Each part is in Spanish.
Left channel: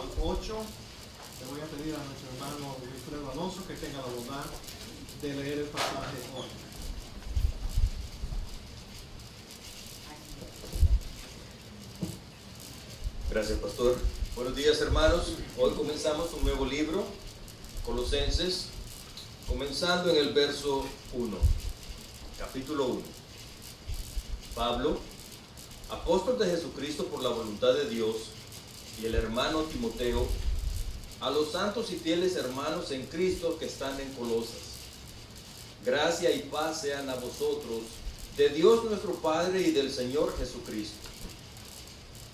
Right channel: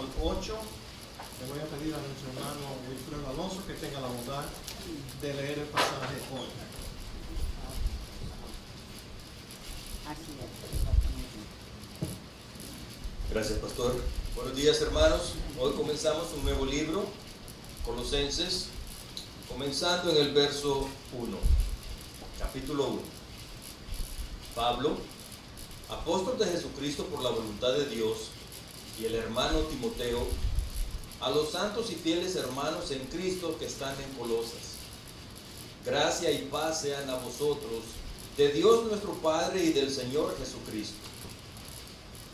al 8. Le voy a pedir a nuestro hermano Wilfredo Alonso que tenga la bondad de leer el pasaje hoy. Gracias, pastor. Buenos días, hermanos. Hoy comenzamos un nuevo libro, Colosenses, comenzando en el verso 1, capítulo 1. Pablo, apóstol de Jesucristo por la voluntad de Dios, y el hermano Timoteo, a los santos y fieles hermanos en Cristo que están en Colosas. Gracia y paz sean a vosotros, de Dios nuestro Padre y del Señor Jesucristo.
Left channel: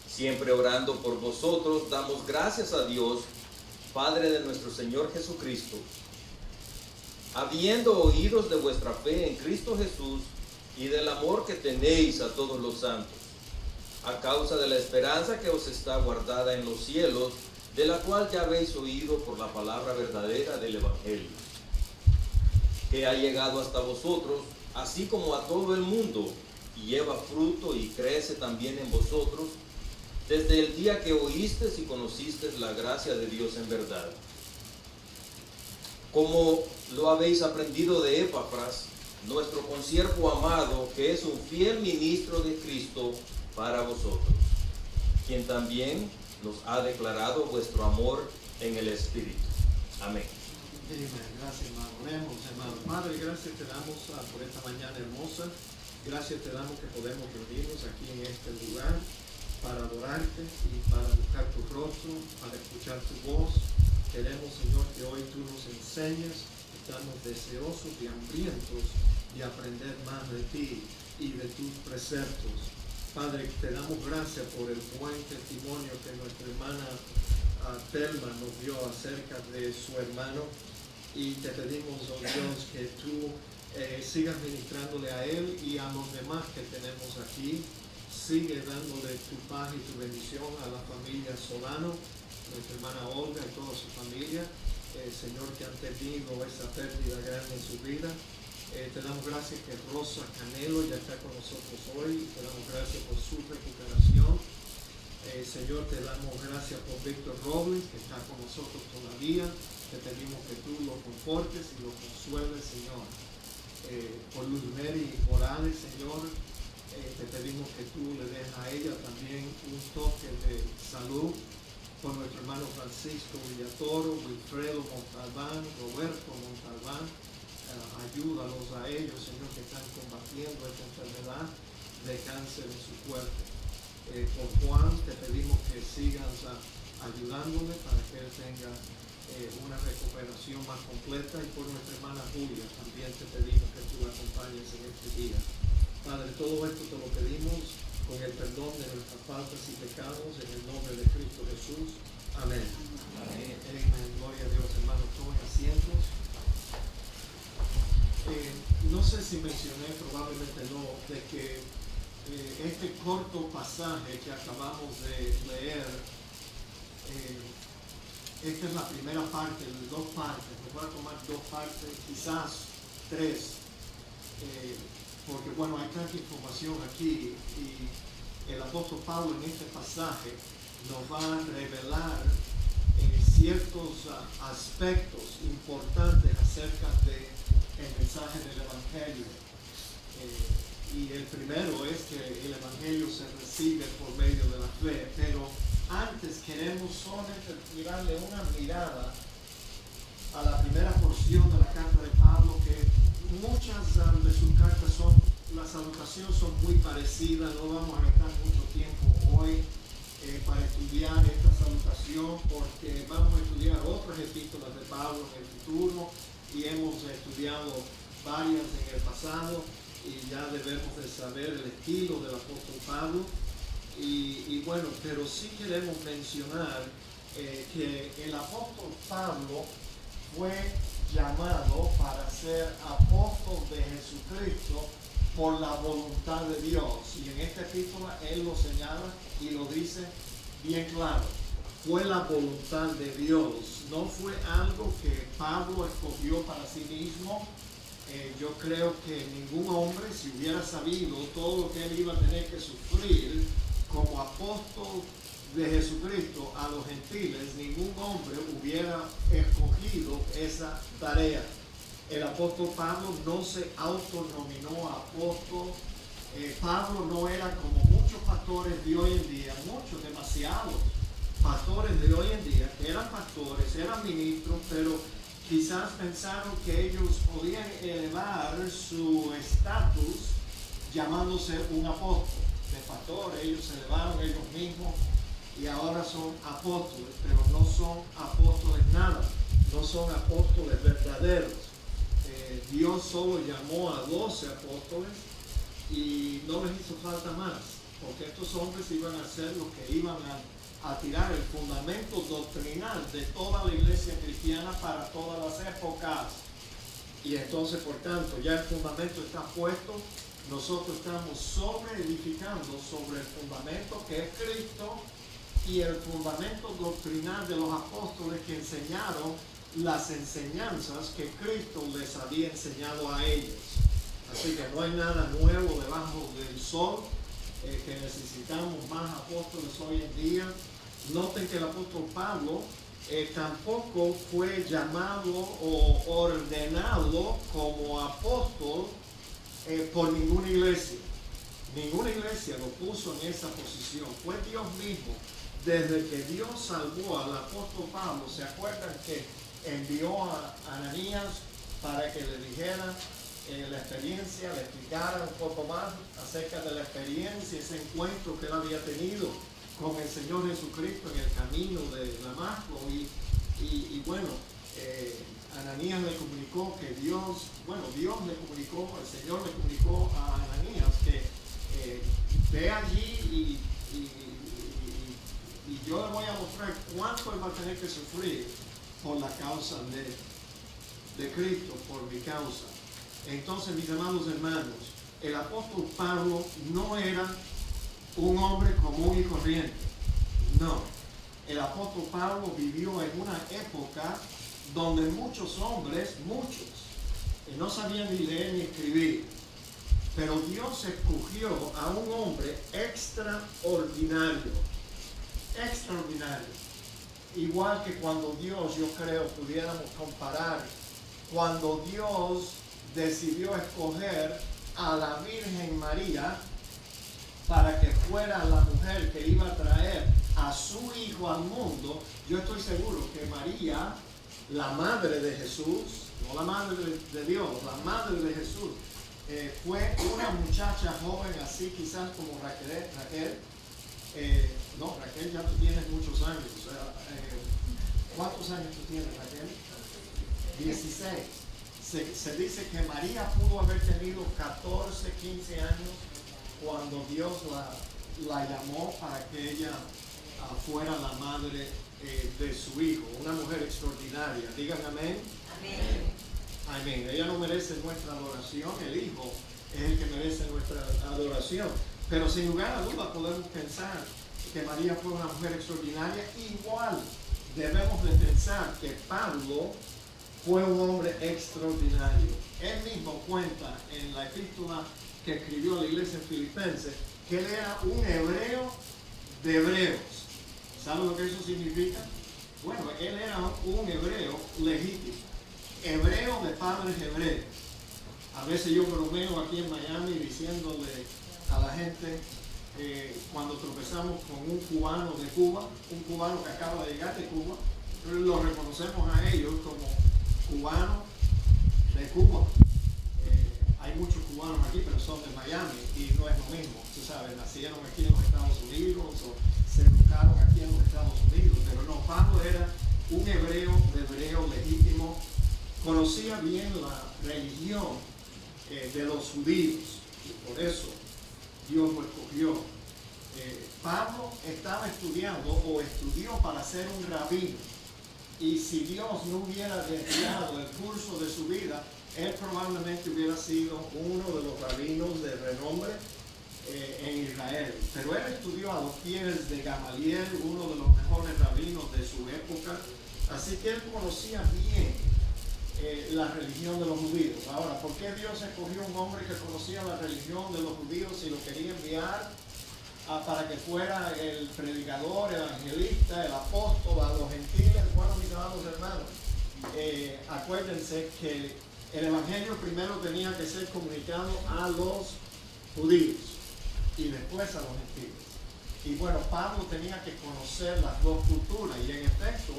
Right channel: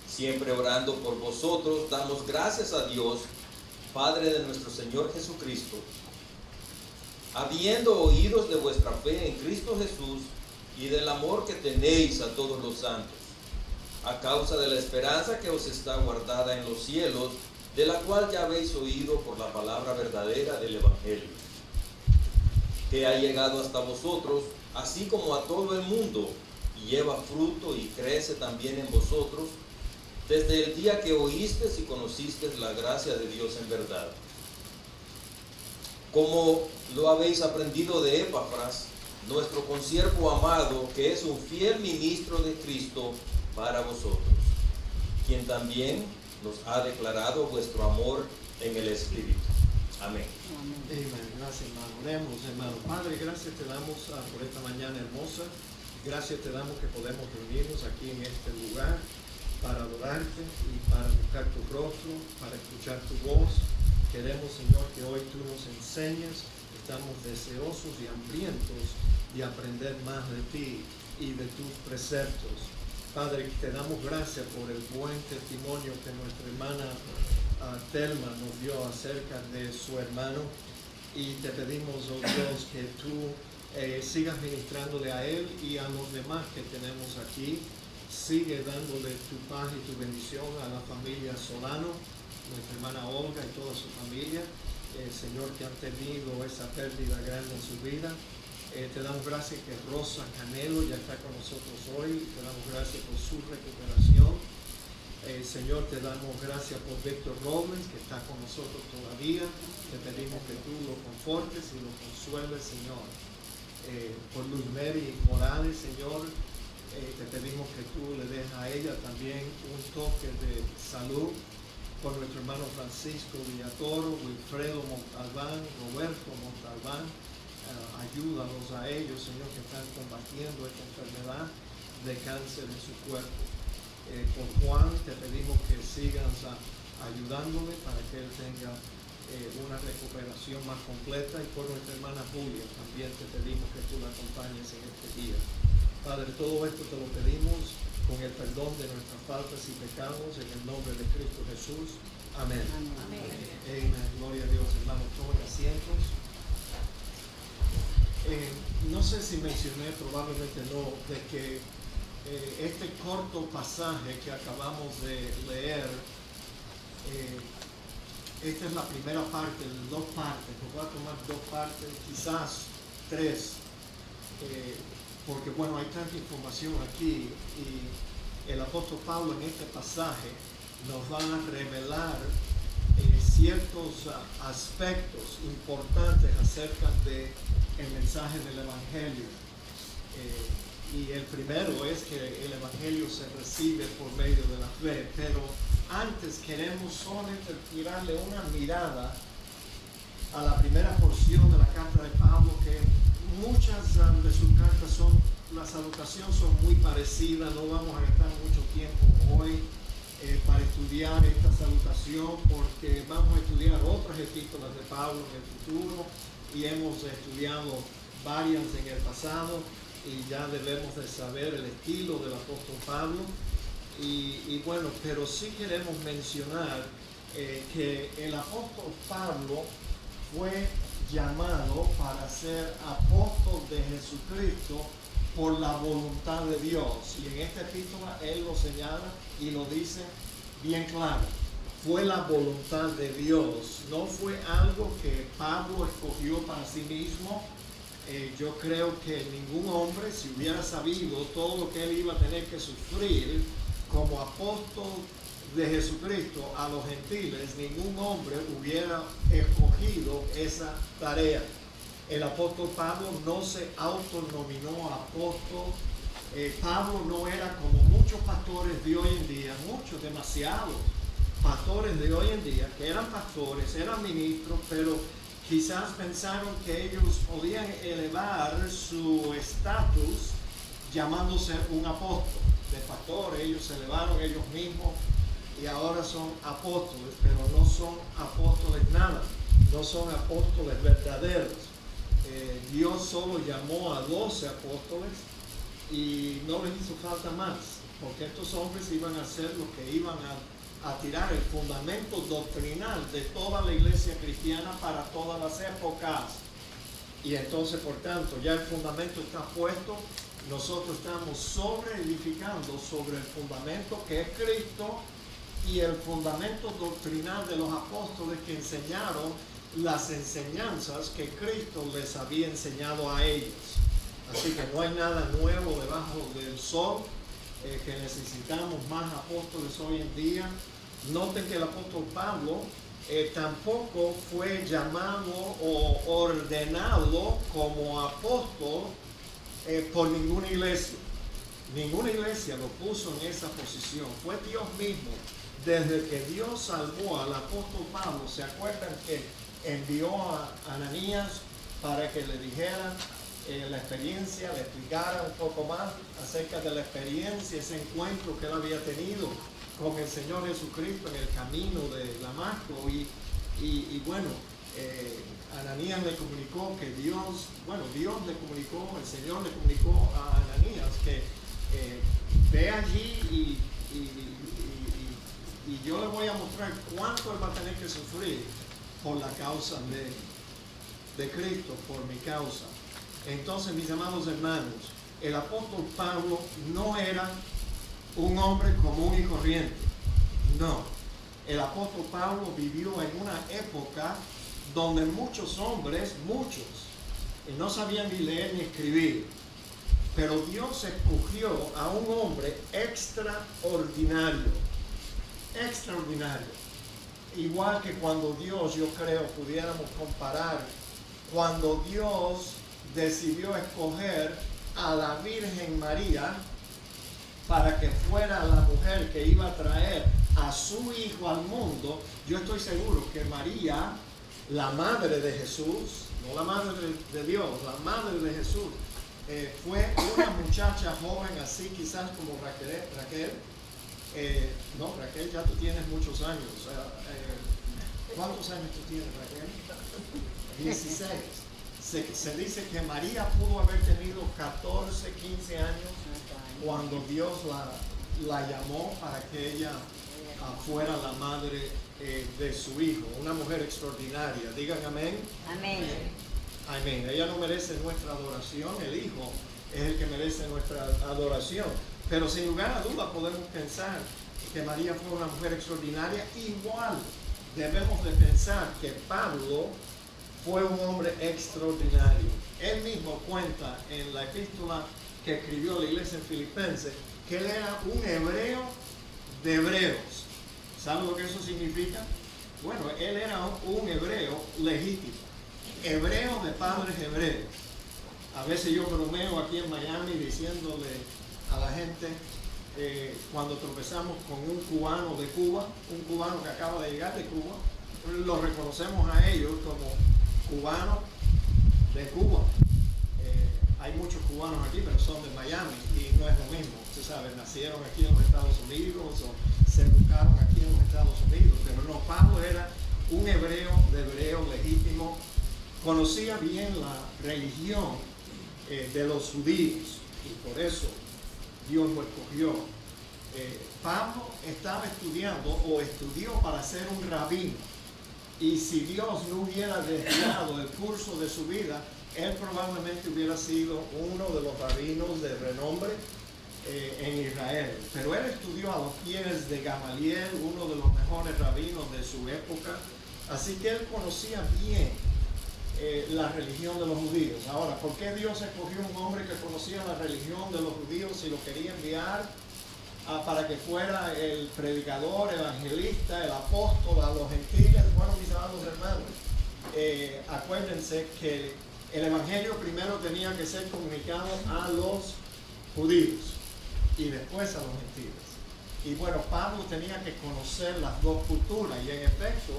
Siempre orando por vosotros, damos gracias a Dios, Padre de nuestro Señor Jesucristo, habiendo oídos de vuestra fe en Cristo Jesús y del amor que tenéis a todos los santos, a causa de la esperanza que os está guardada en los cielos, de la cual ya habéis oído por la palabra verdadera del Evangelio, que ha llegado hasta vosotros, así como a todo el mundo, y lleva fruto y crece también en vosotros, desde el día que oísteis y conocisteis la gracia de Dios en verdad. Como lo habéis aprendido de Epafras, nuestro consiervo amado, que es un fiel ministro de Cristo para vosotros, quien también nos ha declarado vuestro amor en el Espíritu. Amén. Amén. Gracias, hermano. Leemos, hermano. Padre, gracias te damos por esta mañana hermosa. Gracias te damos que podemos reunirnos aquí en este lugar para adorarte y para buscar tu rostro, para escuchar tu voz. Queremos, Señor, que hoy tú nos enseñes. Estamos deseosos y hambrientos de aprender más de ti y de tus preceptos. Padre, te damos gracias por el buen testimonio que nuestra hermana Telma nos dio acerca de su hermano, y te pedimos, oh Dios, que tú sigas ministrándole a él y a los demás que tenemos aquí. Sigue dándole tu paz y tu bendición a la familia Solano, nuestra hermana Olga y toda su familia, Señor, que han tenido esa pérdida grande en su vida. Te damos gracias que Rosa Canelo ya está con nosotros hoy. Te damos gracias por su recuperación. Señor, te damos gracias por Víctor Robles, que está con nosotros todavía. Te pedimos que tú lo confortes y lo consueles, Señor. Por Luz Mary Morales, Señor, te pedimos que tú le des a ella también un toque de salud. Por nuestro hermano Francisco Villatoro, Wilfredo Montalbán, Roberto Montalbán. Ayúdalos a ellos, Señor, que están combatiendo esta enfermedad de cáncer en su cuerpo. Por Juan, te pedimos que sigas ayudándole para que él tenga una recuperación más completa. Y por nuestra hermana Julia, también te pedimos que tú la acompañes en este día. Padre, todo esto te lo pedimos con el perdón de nuestras faltas y pecados, en el nombre de Cristo Jesús. Amén. Amén. Amén. Gloria a Dios, hermanos. Tomen asientos. No sé si mencioné, probablemente no, de que este corto pasaje que acabamos de leer, esta es la primera parte, dos partes. Me voy a tomar dos partes, quizás tres, porque bueno, hay tanta información aquí, y el apóstol Pablo en este pasaje nos va a revelar ciertos aspectos importantes acerca del mensaje del Evangelio. Y el primero es que el Evangelio se recibe por medio de la fe, pero antes queremos solamente tirarle una mirada a la primera porción de la carta de Pablo, que muchas de sus cartas las salutaciones son muy parecidas. No vamos a gastar mucho tiempo hoy para estudiar esta salutación, porque vamos a estudiar otras epístolas de Pablo en el futuro, y hemos estudiado varias en el pasado, y ya debemos de saber el estilo del apóstol Pablo. Y bueno, pero sí queremos mencionar que el apóstol Pablo fue llamado para ser apóstol de Jesucristo por la voluntad de Dios. Y en esta epístola él lo señala y lo dice bien claro. Fue la voluntad de Dios, no fue algo que Pablo escogió para sí mismo. Yo creo que ningún hombre, si hubiera sabido todo lo que él iba a tener que sufrir como apóstol de Jesucristo a los gentiles, ningún hombre hubiera escogido esa tarea. El apóstol Pablo no se autonominó apóstol. Pablo no era como muchos pastores de hoy en día, demasiados pastores de hoy en día, que eran pastores, eran ministros, pero quizás pensaron que ellos podían elevar su estatus llamándose un apóstol. De pastores, ellos se elevaron ellos mismos y ahora son apóstoles, pero no son apóstoles nada, no son apóstoles verdaderos. Dios solo llamó a 12 apóstoles y no les hizo falta más, porque estos hombres iban a hacer lo que iban a tirar el fundamento doctrinal de toda la iglesia cristiana para todas las épocas. Y entonces, por tanto, ya el fundamento está puesto. Nosotros estamos edificando sobre el fundamento que es Cristo y el fundamento doctrinal de los apóstoles que enseñaron las enseñanzas que Cristo les había enseñado a ellos. Así que no hay nada nuevo debajo del sol, que necesitamos más apóstoles hoy en día. Noten que el apóstol Pablo tampoco fue llamado o ordenado como apóstol por ninguna iglesia. Ninguna iglesia lo puso en esa posición. Fue Dios mismo. Desde que Dios salvó al apóstol Pablo, ¿se acuerdan que envió a Ananías para que le dijera la experiencia, le explicara un poco más acerca de la experiencia, ese encuentro que él había tenido con el Señor Jesucristo en el camino de Damasco? Y bueno, Ananías le comunicó que Dios le comunicó, el Señor le comunicó a Ananías que ve allí y yo le voy a mostrar cuánto él va a tener que sufrir por la causa de Cristo, por mi causa. Entonces, mis amados hermanos, el apóstol Pablo no era un hombre común y corriente. No. El apóstol Pablo vivió en una época donde muchos hombres, no sabían ni leer ni escribir. Pero Dios escogió a un hombre extraordinario. Igual que cuando Dios, yo creo, pudiéramos comparar, cuando Dios decidió escoger a la Virgen María para que fuera la mujer que iba a traer a su hijo al mundo, yo estoy seguro que María, la madre de Jesús, no la madre de Dios, la madre de Jesús, fue una muchacha joven así quizás como Raquel. No, Raquel, ya tú tienes muchos años. ¿Cuántos años tú tienes, Raquel? 16. Se dice que María pudo haber tenido 14, 15 años cuando Dios la llamó para que ella fuera la madre de su hijo. Una mujer extraordinaria. Digan amén. Amén. Amén. Ella no merece nuestra adoración, el hijo es el que merece nuestra adoración. Pero sin lugar a dudas podemos pensar que María fue una mujer extraordinaria. Igual debemos de pensar que Pablo fue un hombre extraordinario. Él mismo cuenta en la epístola que escribió a la iglesia en Filipenses que él era un hebreo de hebreos. ¿Saben lo que eso significa? Bueno, él era un hebreo legítimo, hebreo de padres hebreos. A veces yo bromeo aquí en Miami diciéndole a la gente, cuando tropezamos con un cubano de Cuba, un cubano que acaba de llegar de Cuba, lo reconocemos a ellos como cubanos de Cuba. Hay muchos cubanos aquí, pero son de Miami y no es lo mismo. Tú sabes, nacieron aquí en los Estados Unidos o se educaron aquí en los Estados Unidos, pero no, Pablo era un hebreo de hebreo legítimo, conocía bien la religión de los judíos y por eso Dios lo escogió. Pablo estaba estudiando o estudió para ser un rabino, y si Dios no hubiera desviado el curso de su vida, él probablemente hubiera sido uno de los rabinos de renombre en Israel. Pero él estudió a los pies de Gamaliel, uno de los mejores rabinos de su época, así que él conocía bien la religión de los judíos. Ahora, ¿por qué Dios escogió un hombre que conocía la religión de los judíos y lo quería enviar para que fuera el predicador, evangelista, el apóstol a los gentiles. Bueno, mis amados hermanos, acuérdense que el evangelio primero tenía que ser comunicado a los judíos y después a los gentiles. Y bueno, Pablo tenía que conocer las dos culturas, y en efecto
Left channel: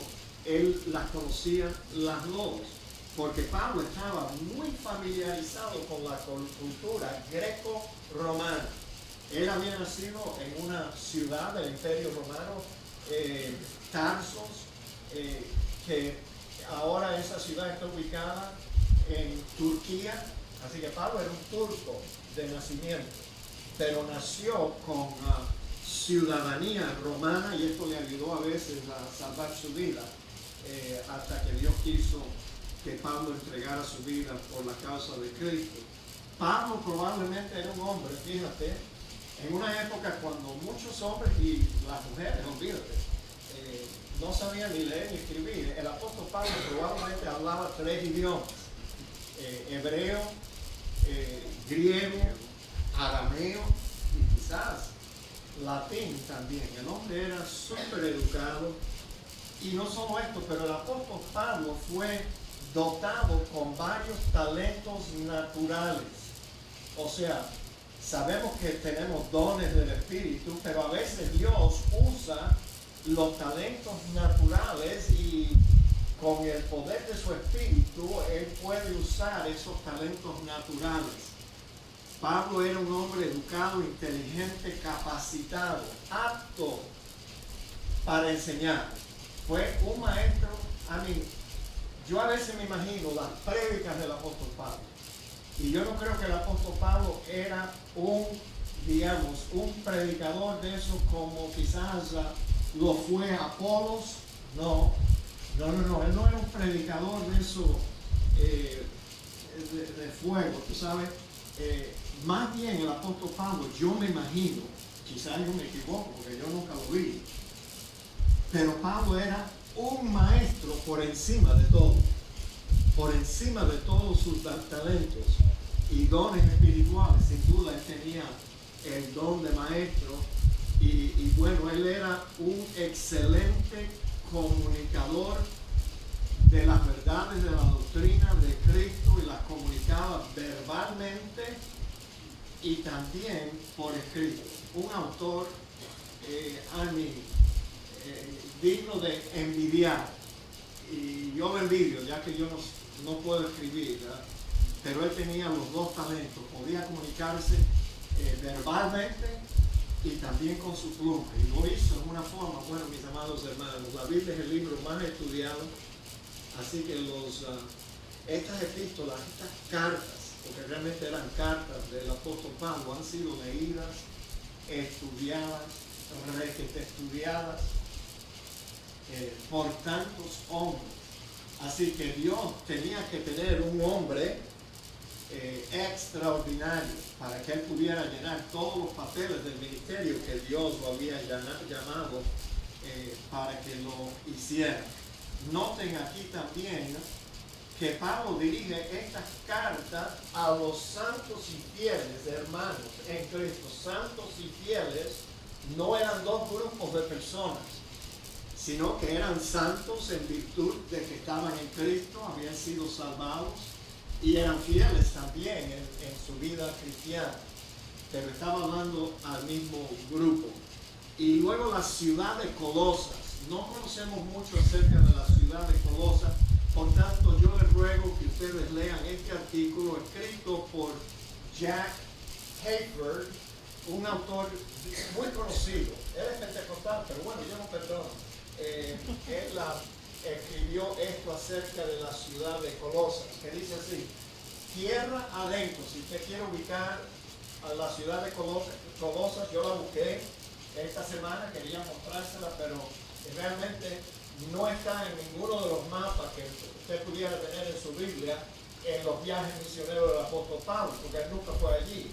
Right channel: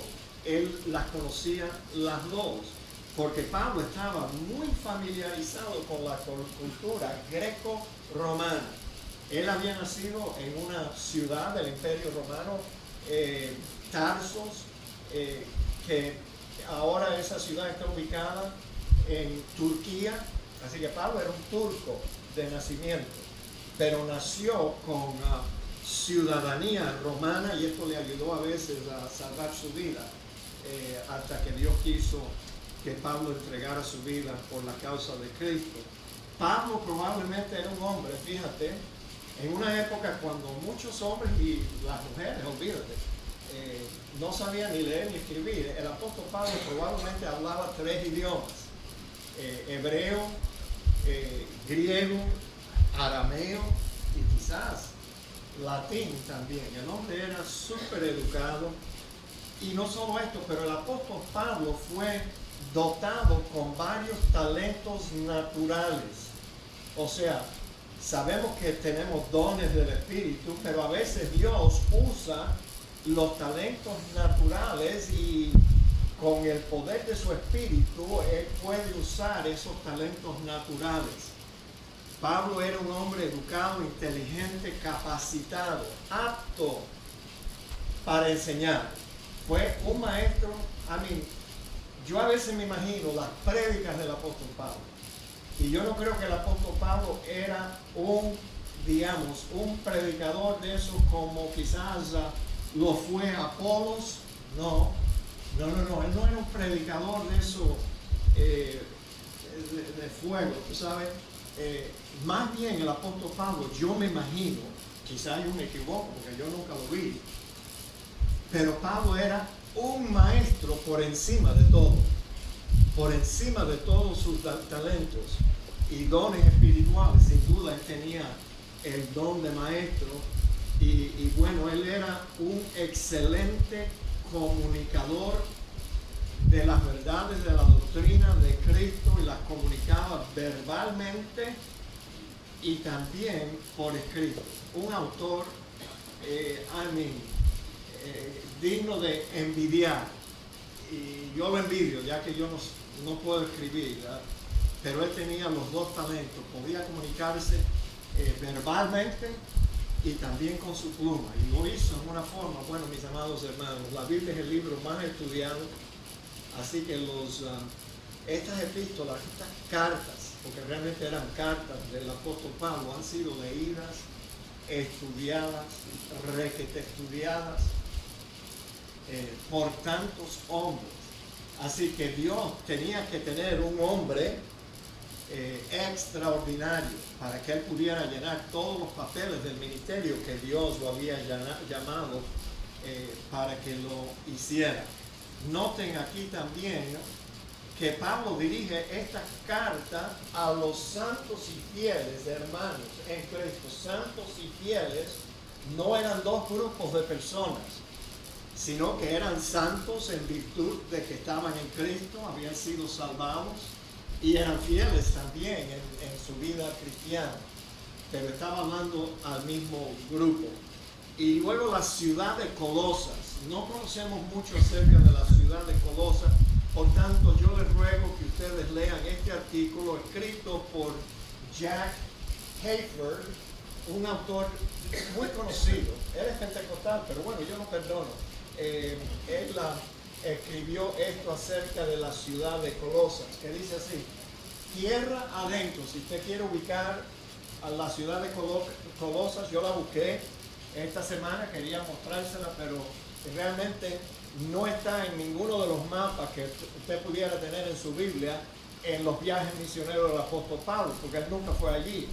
él las conocía las dos, porque Pablo estaba muy familiarizado con la cultura greco-romana. Él había nacido en una ciudad del Imperio Romano, Tarsos, que ahora esa ciudad está ubicada en Turquía. Así que Pablo era un turco de nacimiento, pero nació con ciudadanía romana, y esto le ayudó a veces a salvar su vida, hasta que Dios quiso que Pablo entregara su vida por la causa de Cristo. Pablo probablemente era un hombre, fíjate, en una época cuando muchos hombres y las mujeres, olvídate, no sabían ni leer ni escribir. El apóstol Pablo probablemente hablaba 3 idiomas, hebreo, griego, arameo y quizás latín también. El hombre era súper educado. Y no solo esto, pero el apóstol Pablo fue dotado con varios talentos naturales. O sea, sabemos que tenemos dones del Espíritu, pero a veces Dios usa los talentos naturales, y con el poder de su Espíritu Él puede usar esos talentos naturales. Pablo era un hombre educado, inteligente, capacitado, apto para enseñar. Fue un maestro. Yo a veces me imagino las prédicas del apóstol Pablo, y yo no creo que el apóstol Pablo era un predicador de esos como quizás lo fue Apolos. No, él no era un predicador de eso, de fuego, tú sabes. Más bien el apóstol Pablo, yo me imagino, quizás yo me equivoco porque yo nunca lo vi, pero Pablo era un maestro por encima de todo, por encima de todos sus talentos y dones espirituales. Sin duda él tenía el don de maestro, y bueno, él era un excelente comunicador de las verdades de la doctrina de Cristo, y las comunicaba verbalmente y también por escrito. Un autor digno de envidiar, y yo lo envidio, ya que yo no puedo escribir, ¿verdad? Pero él tenía los dos talentos, podía comunicarse verbalmente y también con su pluma, y lo hizo en una forma. Bueno, mis amados hermanos, la Biblia es el libro más estudiado, así que estas epístolas, estas cartas, porque realmente eran cartas del apóstol Pablo, han sido leídas, estudiadas, requete estudiadas por tantos hombres. Así que Dios tenía que tener un hombre extraordinario para que él pudiera llenar todos los papeles del ministerio que Dios lo había llamado para que lo hiciera. Noten aquí también que Pablo dirige esta carta a los santos y fieles hermanos en Cristo. Santos y fieles no eran dos grupos de personas, sino que eran santos en virtud de que estaban en Cristo, habían sido salvados, y eran fieles también en su vida cristiana. Pero estaba hablando al mismo grupo. Y luego la ciudad de Colosas. No conocemos mucho acerca de la ciudad de Colosas, por tanto yo les ruego que ustedes lean este artículo escrito por Jack Hayford, un autor muy conocido. Él es pentecostal, pero bueno, yo lo perdono. Él escribió esto acerca de la ciudad de Colosas, que dice así: tierra adentro. Si usted quiere ubicar a la ciudad de Colosas, yo la busqué esta semana, quería mostrársela, pero realmente no está en ninguno de los mapas que usted pudiera tener en su Biblia en los viajes misioneros del apóstol Pablo, porque él nunca fue allí.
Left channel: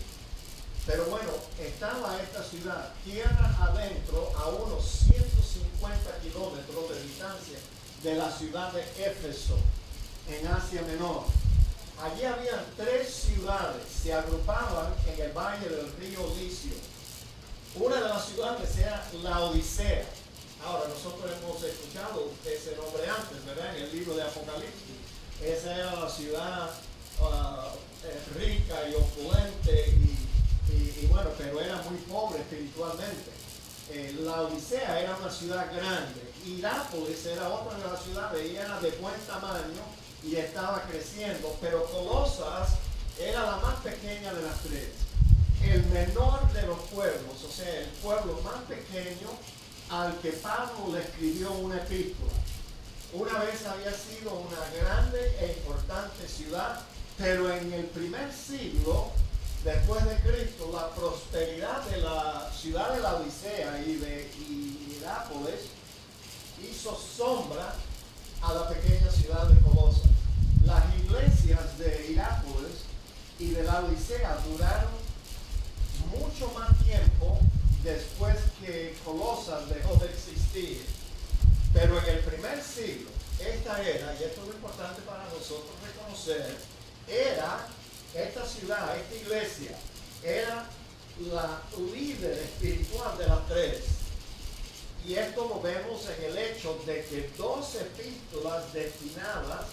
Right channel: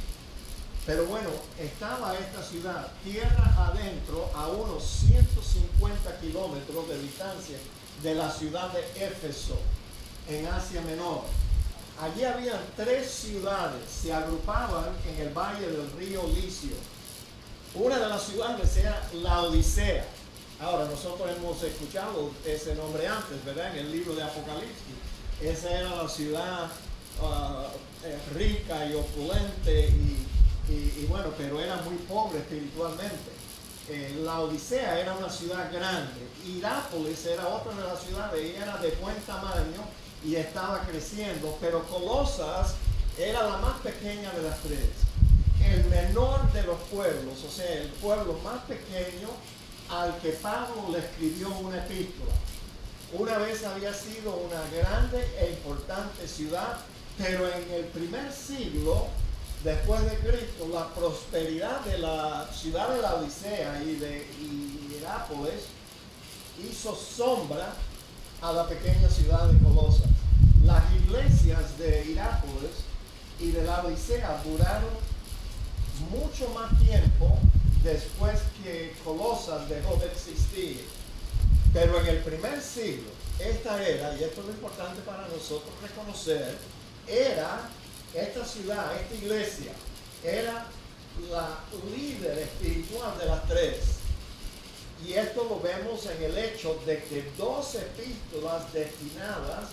Pero bueno, estaba esta ciudad, tierra adentro, a unos 150 kilómetros de distancia de la ciudad de Éfeso, en Asia Menor. Allí habían 3 ciudades, se agrupaban en el valle del río Licio. una de las ciudades era Laodicea. Ahora, nosotros hemos escuchado ese nombre antes, ¿verdad? En el libro de Apocalipsis. Esa era la ciudad rica y opulente y bueno, pero era muy pobre espiritualmente. Laodicea era una ciudad grande. Hirápolis era otra de las ciudades y era de buen tamaño y estaba creciendo, pero Colosas era la más pequeña de las tres. El menor de los pueblos, o sea, el pueblo más pequeño al que Pablo le escribió una epístola. Una vez había sido una grande e importante ciudad, pero en el primer siglo después de Cristo, la prosperidad de la ciudad de Laodicea y de Hirápolis hizo sombra a la pequeña ciudad de Colosas. Las iglesias de Hirápolis y de Laodicea duraron mucho más tiempo después que Colosas dejó de existir. Pero en el primer siglo, esta era, y esto es lo importante para nosotros reconocer, esta ciudad, esta iglesia, era la líder espiritual de las tres. Y esto lo vemos en el hecho de que 2 epístolas destinadas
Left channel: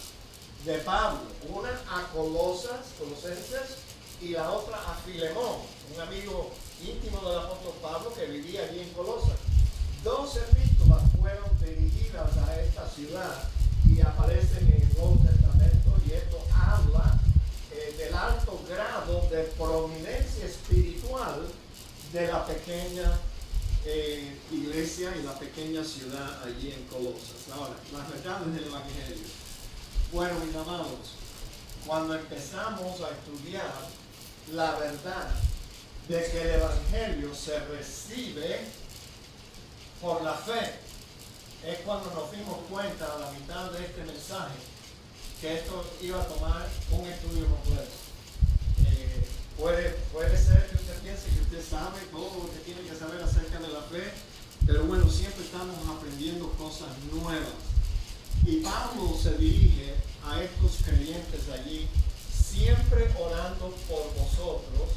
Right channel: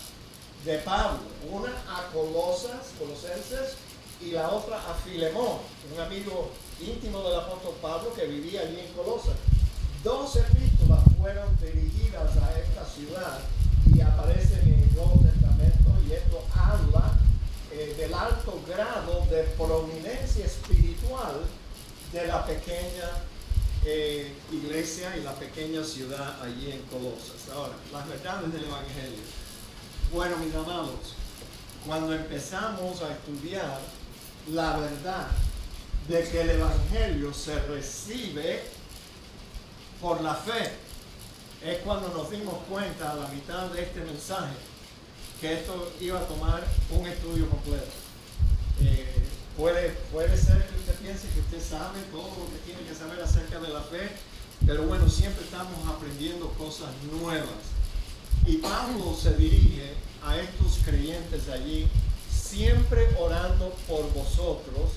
de Pablo, una a Colosenses, y la otra a Filemón, un amigo íntimo del apóstol Pablo que vivía allí en Colosas. 2 epístolas fueron dirigidas a esta ciudad y aparecen en el Nuevo Testamento, y esto habla del alto grado de prominencia espiritual de la pequeña iglesia y la pequeña ciudad allí en Colosas. Ahora, las verdades del Evangelio. Bueno, mis amados, cuando empezamos a estudiar la verdad de que el Evangelio se recibe por la fe, es cuando nos dimos cuenta a la mitad de este mensaje que esto iba a tomar un estudio completo. Puede ser que usted piense que usted sabe todo lo que tiene que saber acerca de la fe, pero bueno, siempre estamos aprendiendo cosas nuevas. Y Pablo se dirige a estos creyentes allí, siempre orando por vosotros.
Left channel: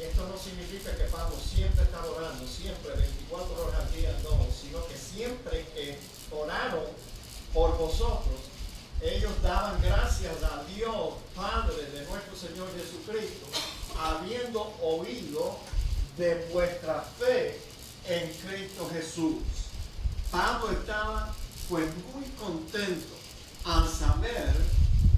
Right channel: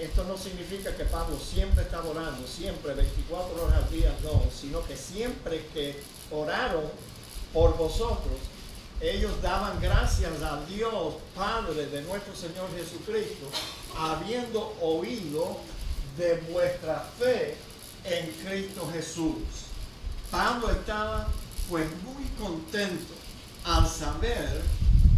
Esto no significa que Pablo siempre está orando, siempre 24 horas al día, no, sino que siempre que oraron por vosotros, ellos daban gracias a Dios, Padre de nuestro Señor Jesucristo, habiendo oído de vuestra fe en Cristo Jesús. Pablo estaba pues muy contento al saber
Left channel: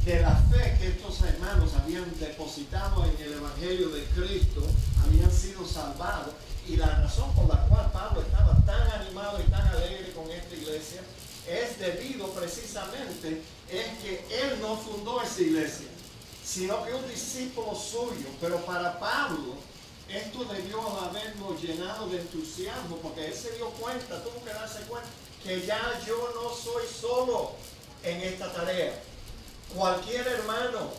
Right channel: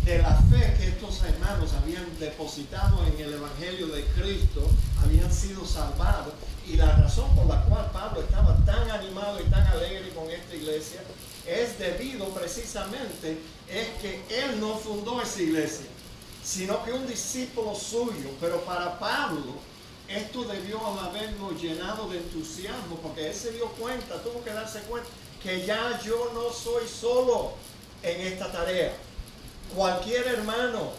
de la fe que estos hermanos habían depositado en el Evangelio de Cristo, habían sido salvados, y la razón por la cual Pablo estaba tan animado y tan alegre con esta iglesia es debido precisamente es que él no fundó esa iglesia, sino que un discípulo suyo. Pero para Pablo esto debió haberlo llenado de entusiasmo, porque él se dio cuenta, tuvo que darse cuenta que ya yo no soy solo en esta tarea. Cualquier hermano,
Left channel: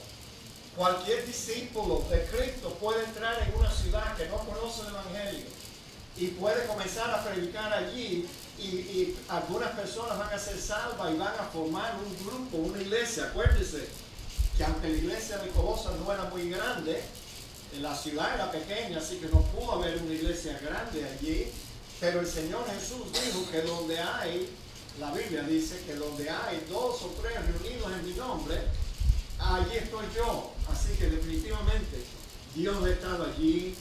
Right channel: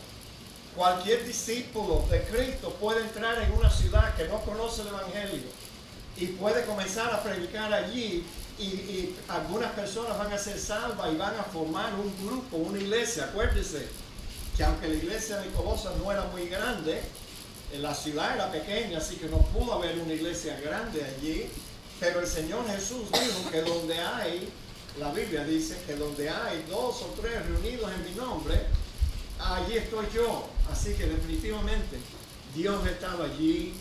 cualquier discípulo de Cristo puede entrar en una ciudad que no conoce el Evangelio y puede comenzar a predicar allí, y algunas personas van a ser salvas y van a formar un grupo, una iglesia. Acuérdense que aunque la iglesia de Colosas no era muy grande, la ciudad era pequeña, así que no pudo haber una iglesia grande allí, pero el Señor Jesús dijo que donde hay, la Biblia dice que donde hay 2 o 3 reunidos en mi nombre, allí estoy yo. Así que definitivamente Dios estaba allí.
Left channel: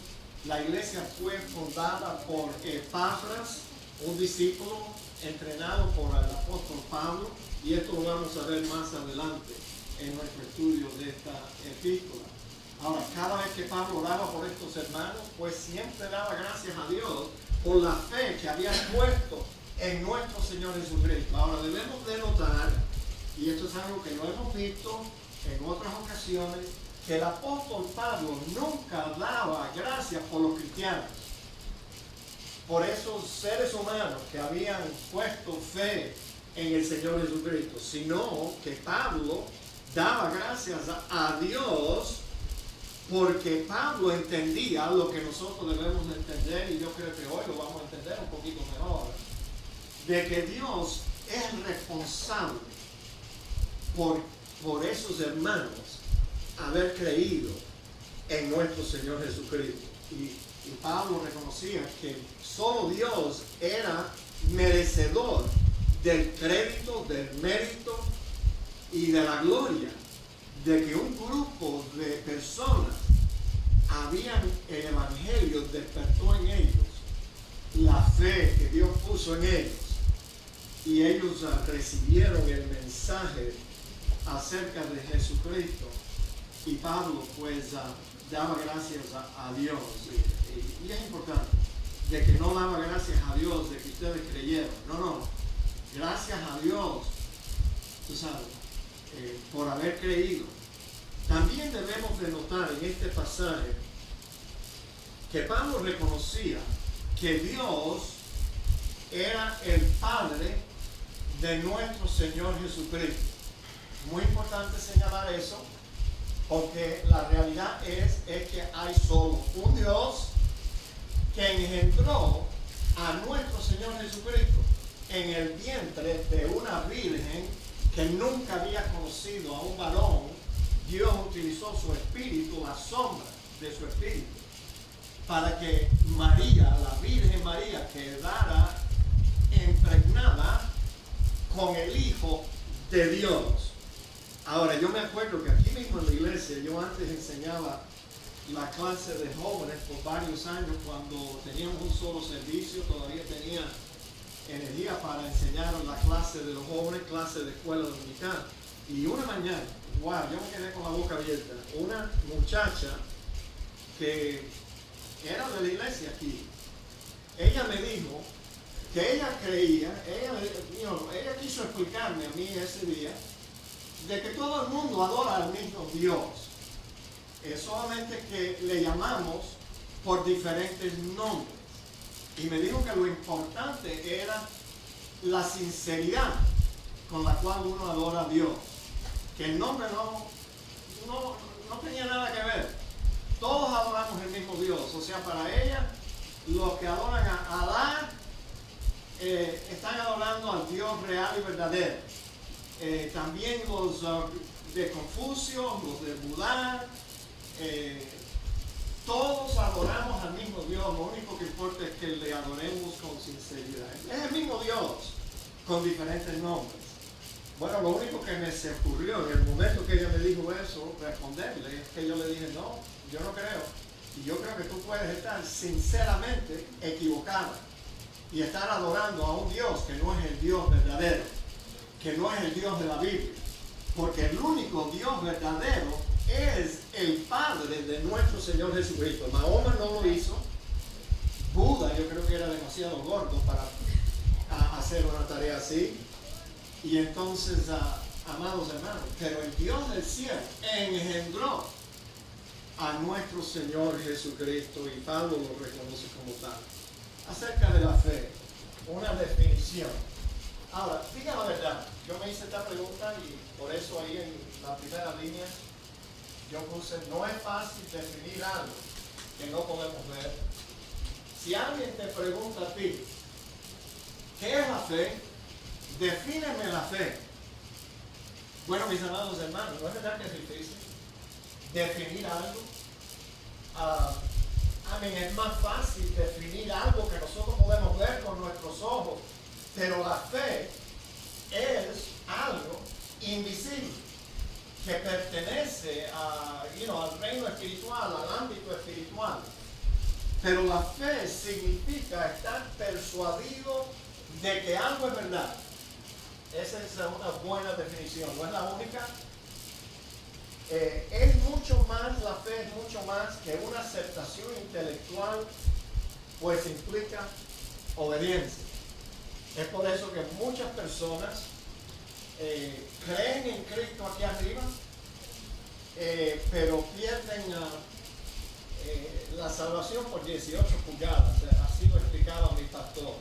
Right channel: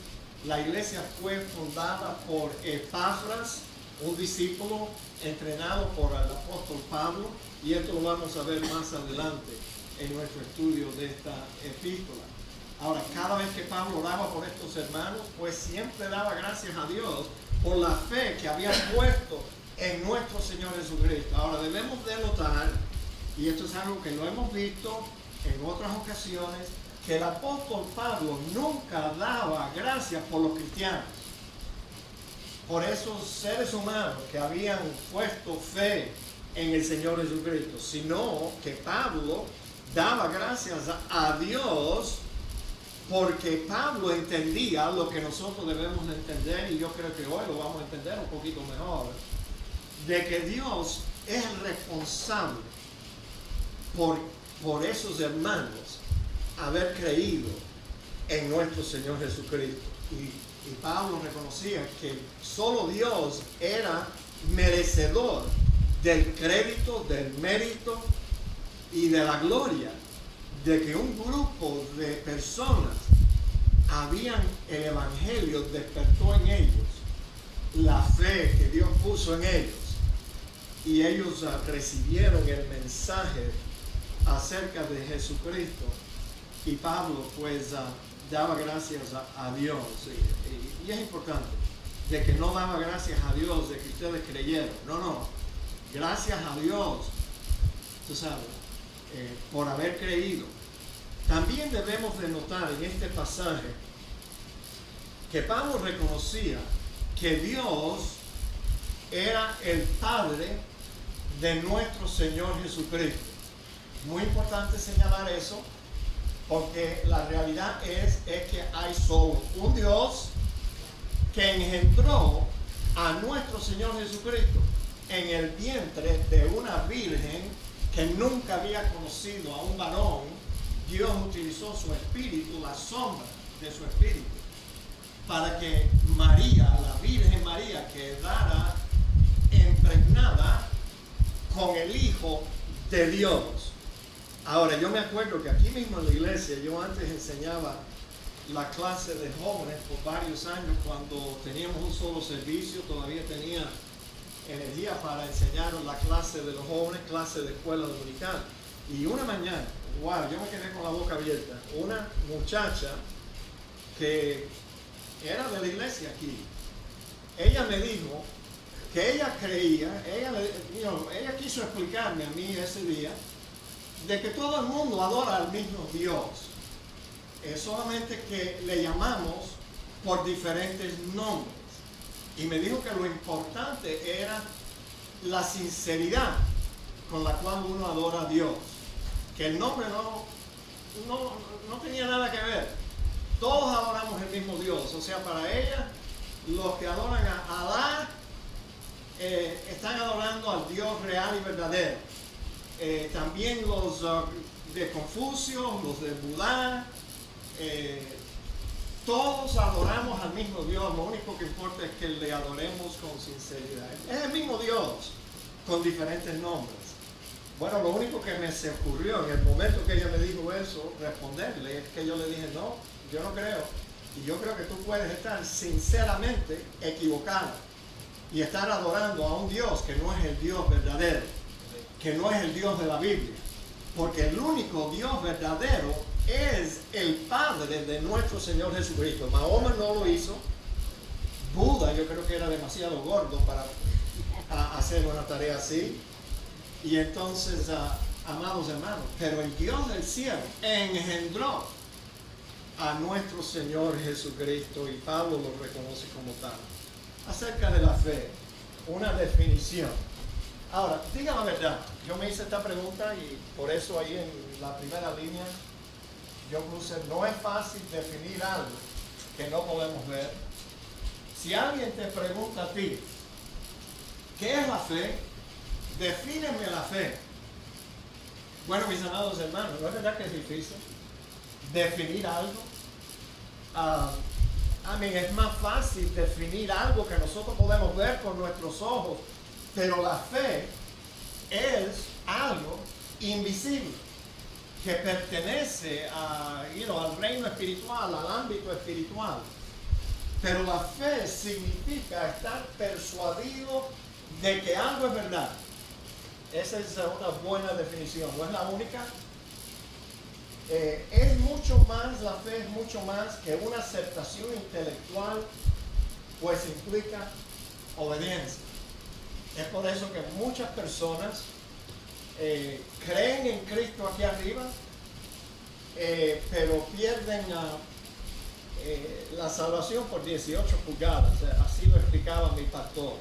La iglesia fue fundada por Epafras, un discípulo entrenado por el apóstol Pablo, y esto lo vamos a ver más adelante en nuestro estudio de esta epístola. Ahora, cada vez que Pablo oraba por estos hermanos, pues siempre daba gracias a Dios por la fe que había puesto en nuestro Señor Jesucristo. Ahora, debemos de notar, y esto es algo que lo hemos visto en otras ocasiones, que el apóstol Pablo nunca daba gracias por los cristianos, por esos seres humanos que habían puesto fe en el Señor Jesucristo, sino que Pablo daba gracias a Dios, porque Pablo entendía lo que nosotros debemos de entender, y yo creo que hoy lo vamos a entender un poquito mejor, de que Dios es responsable por esos hermanos haber creído en nuestro Señor Jesucristo. Y Y Pablo reconocía que solo Dios era merecedor del crédito, del mérito y de la gloria de que un grupo de personas el evangelio despertó en ellos la fe que Dios puso en ellos, y ellos recibieron el mensaje acerca de Jesucristo. Y Pablo pues daba gracias a Dios, y es importante de que no daba gracias a Dios de que ustedes creyeron, no, gracias a Dios, tú sabes, por haber creído. También debemos de notar en este pasaje que Pablo reconocía que Dios era el Padre de nuestro Señor Jesucristo. Muy importante señalar eso, porque la realidad es que hay solo un Dios que engendró a nuestro Señor Jesucristo en el vientre de una virgen que nunca había conocido a un varón. Dios utilizó su espíritu, la sombra de su espíritu, para que María, la Virgen María, quedara impregnada con el Hijo de Dios. Ahora, yo me acuerdo que aquí mismo en la iglesia, yo antes enseñaba la clase de jóvenes por varios años. Cuando teníamos un solo servicio, todavía tenía energía para enseñar la clase de los jóvenes, clase de escuela dominical. Y una mañana, wow, yo me quedé con la boca abierta. Una muchacha que era de la iglesia aquí, ella me dijo que ella creía, ella quiso explicarme a mí ese día de que todo el mundo adora al mismo Dios, solamente que le llamamos por diferentes nombres. Y me dijo que lo importante era la sinceridad con la cual uno adora a Dios, que el nombre no tenía nada que ver. Todos adoramos el mismo Dios. O sea, para ella, los que adoran a Alá están adorando al Dios real y verdadero. También los de Confucio, los de Buda, todos adoramos al mismo Dios. Lo único que importa es que le adoremos con sinceridad. Es el mismo Dios, con diferentes nombres. Bueno, lo único que me se ocurrió en el momento que ella me dijo eso, responderle, es que yo le dije, no, yo no creo. Y yo creo que tú puedes estar sinceramente equivocada y estar adorando a un Dios que no es el Dios verdadero, que no es el Dios de la Biblia. Porque el único Dios verdadero es el Padre de nuestro Señor Jesucristo. Mahoma no lo hizo. Buda, yo creo que era demasiado gordo para hacer una tarea así. Y entonces, amados hermanos, pero el Dios del cielo engendró a nuestro Señor Jesucristo, y Pablo lo reconoce como tal. Acerca de la fe, una definición. Ahora, diga la verdad, yo me hice esta pregunta y por eso ahí en la primera línea yo puse, no es fácil definir algo que no podemos ver. Si alguien te pregunta a ti, ¿qué es la fe? Defíneme la fe. Bueno, mis amados hermanos, ¿no es verdad que es difícil definir algo? Es más fácil definir algo que nosotros podemos ver con nuestros ojos, pero la fe es algo invisible que pertenece al reino espiritual, al ámbito espiritual. Pero la fe significa estar persuadido de que algo es verdad. Esa es una buena definición, no es la única. Es mucho más, la fe es mucho más que una aceptación intelectual, pues implica obediencia. Es por eso que muchas personas creen en Cristo aquí arriba, pero pierden la salvación por 18 pulgadas. Así lo explicaba mi pastor.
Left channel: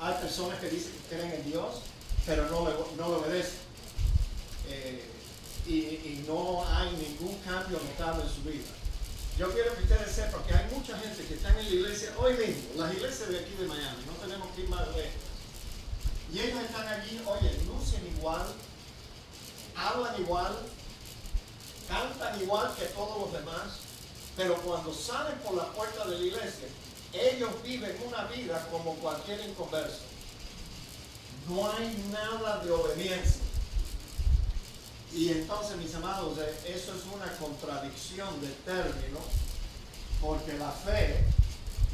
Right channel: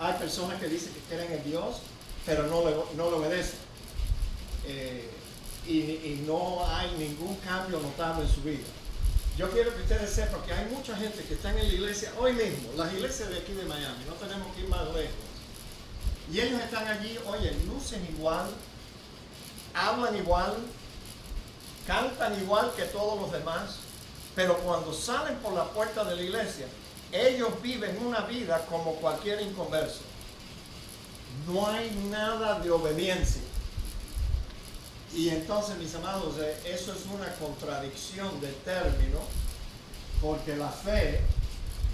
Hay personas que dicen que creen en Dios, pero no le obedecen. Y no hay ningún cambio notable en su vida. Yo quiero que ustedes sepan que hay mucha gente que están en la iglesia hoy mismo, las iglesias de aquí de Miami, no tenemos que ir más lejos. Y ellos están allí, oye, lucen igual, hablan igual, cantan igual que todos los demás, Pero cuando salen por la puerta de la iglesia, ellos viven una vida como cualquier inconverso. No hay nada de obediencia. Y entonces, mis amados, eso es una contradicción de término, porque la fe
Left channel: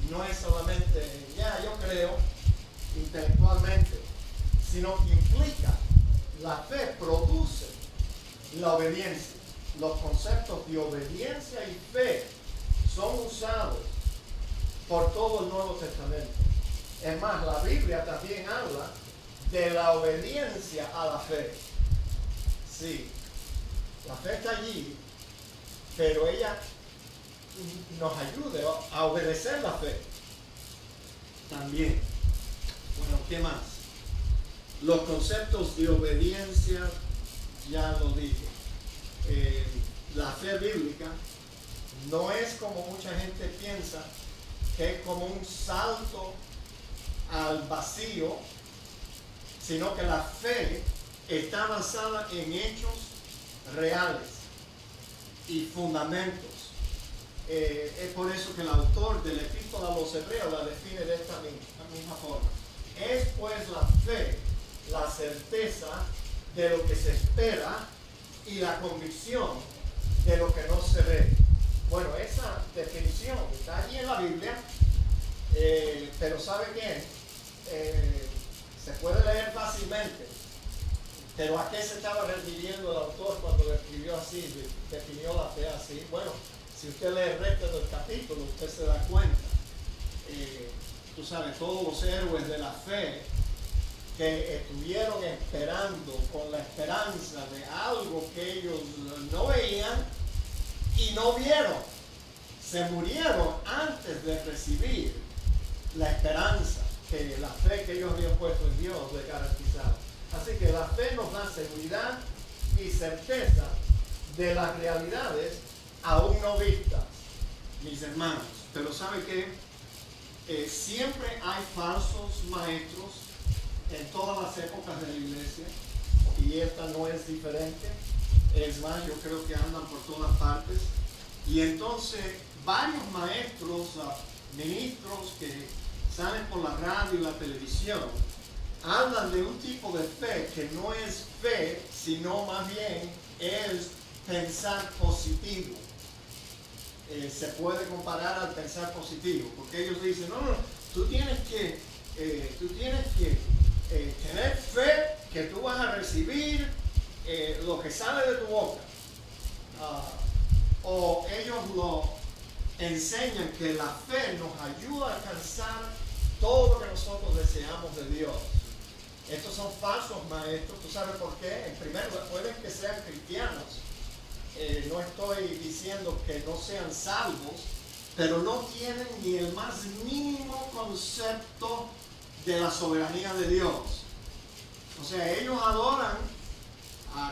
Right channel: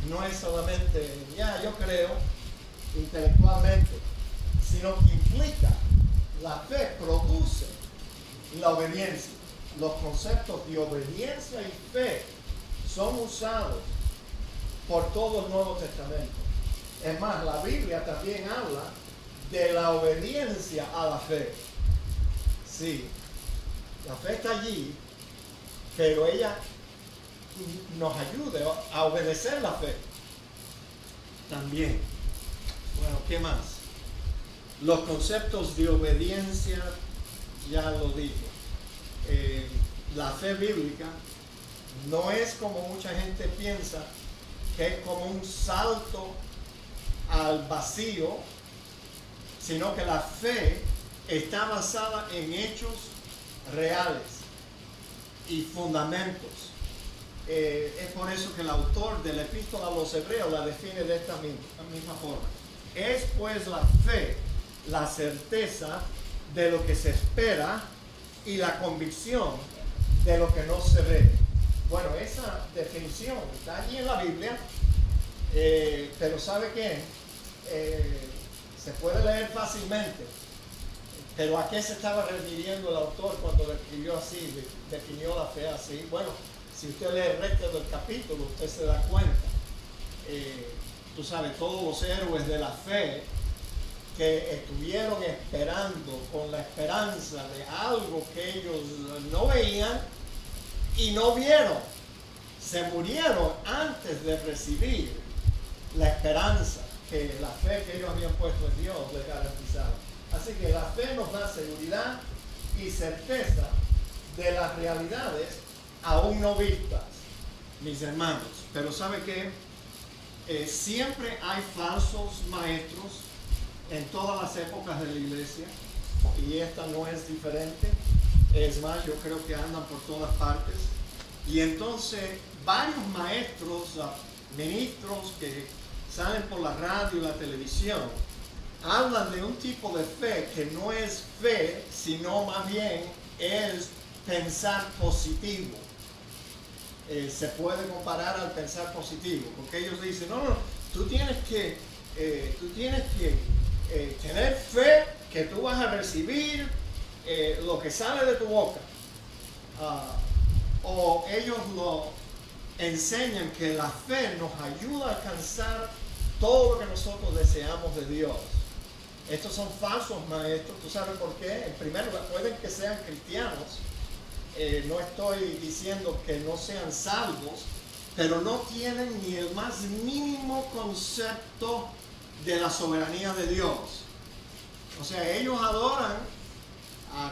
no es solamente, yo creo, intelectualmente, sino que implica, la fe produce la obediencia. Los conceptos de obediencia y fe son usados por todo el Nuevo Testamento. Es más, la Biblia también habla de la obediencia a la fe. Sí, la fe está allí, pero ella nos ayuda a obedecer la fe también. Bueno, ¿qué más? Los conceptos de obediencia, ya lo dije. La fe bíblica no es como mucha gente piensa, que es como un salto al vacío, sino que la fe está basada en hechos reales y fundamentos. Es por eso que el autor de la Epístola a los Hebreos la define de esta misma forma. Es pues la fe, la certeza de lo que se espera y la convicción de lo que no se ve. Bueno, esa definición está allí en la Biblia, pero ¿sabe qué? Se puede leer fácilmente, pero ¿a qué se estaba refiriendo el autor cuando lo escribió así, definió la fe así? Bueno, si usted lee el resto del capítulo, usted se da cuenta. Tú sabes, todos los héroes de la fe que estuvieron esperando con la esperanza de algo que ellos no veían y no vieron, se murieron antes de recibir la esperanza que la fe que ellos habían puesto en Dios les garantizaba. Así que la fe nos da seguridad y certeza de las realidades aún no vistas, mis hermanos. Pero ¿sabe qué? Siempre hay falsos maestros en todas las épocas de la iglesia, y esta no es diferente. Es más, yo creo que andan por todas partes. Y entonces varios maestros, ministros que salen por la radio y la televisión, hablan de un tipo de fe que no es fe, sino más bien es pensar positivo. Se puede comparar al pensar positivo, porque ellos dicen, no, tú tienes que tener fe que tú vas a recibir lo que sale de tu boca. O ellos lo enseñan que la fe nos ayuda a alcanzar todo lo que nosotros deseamos de Dios. Estos son falsos maestros. ¿Tú sabes por qué? En primer lugar, pueden que sean cristianos. No estoy diciendo que no sean salvos, pero no tienen ni el más mínimo concepto de la soberanía de Dios. O sea, ellos adoran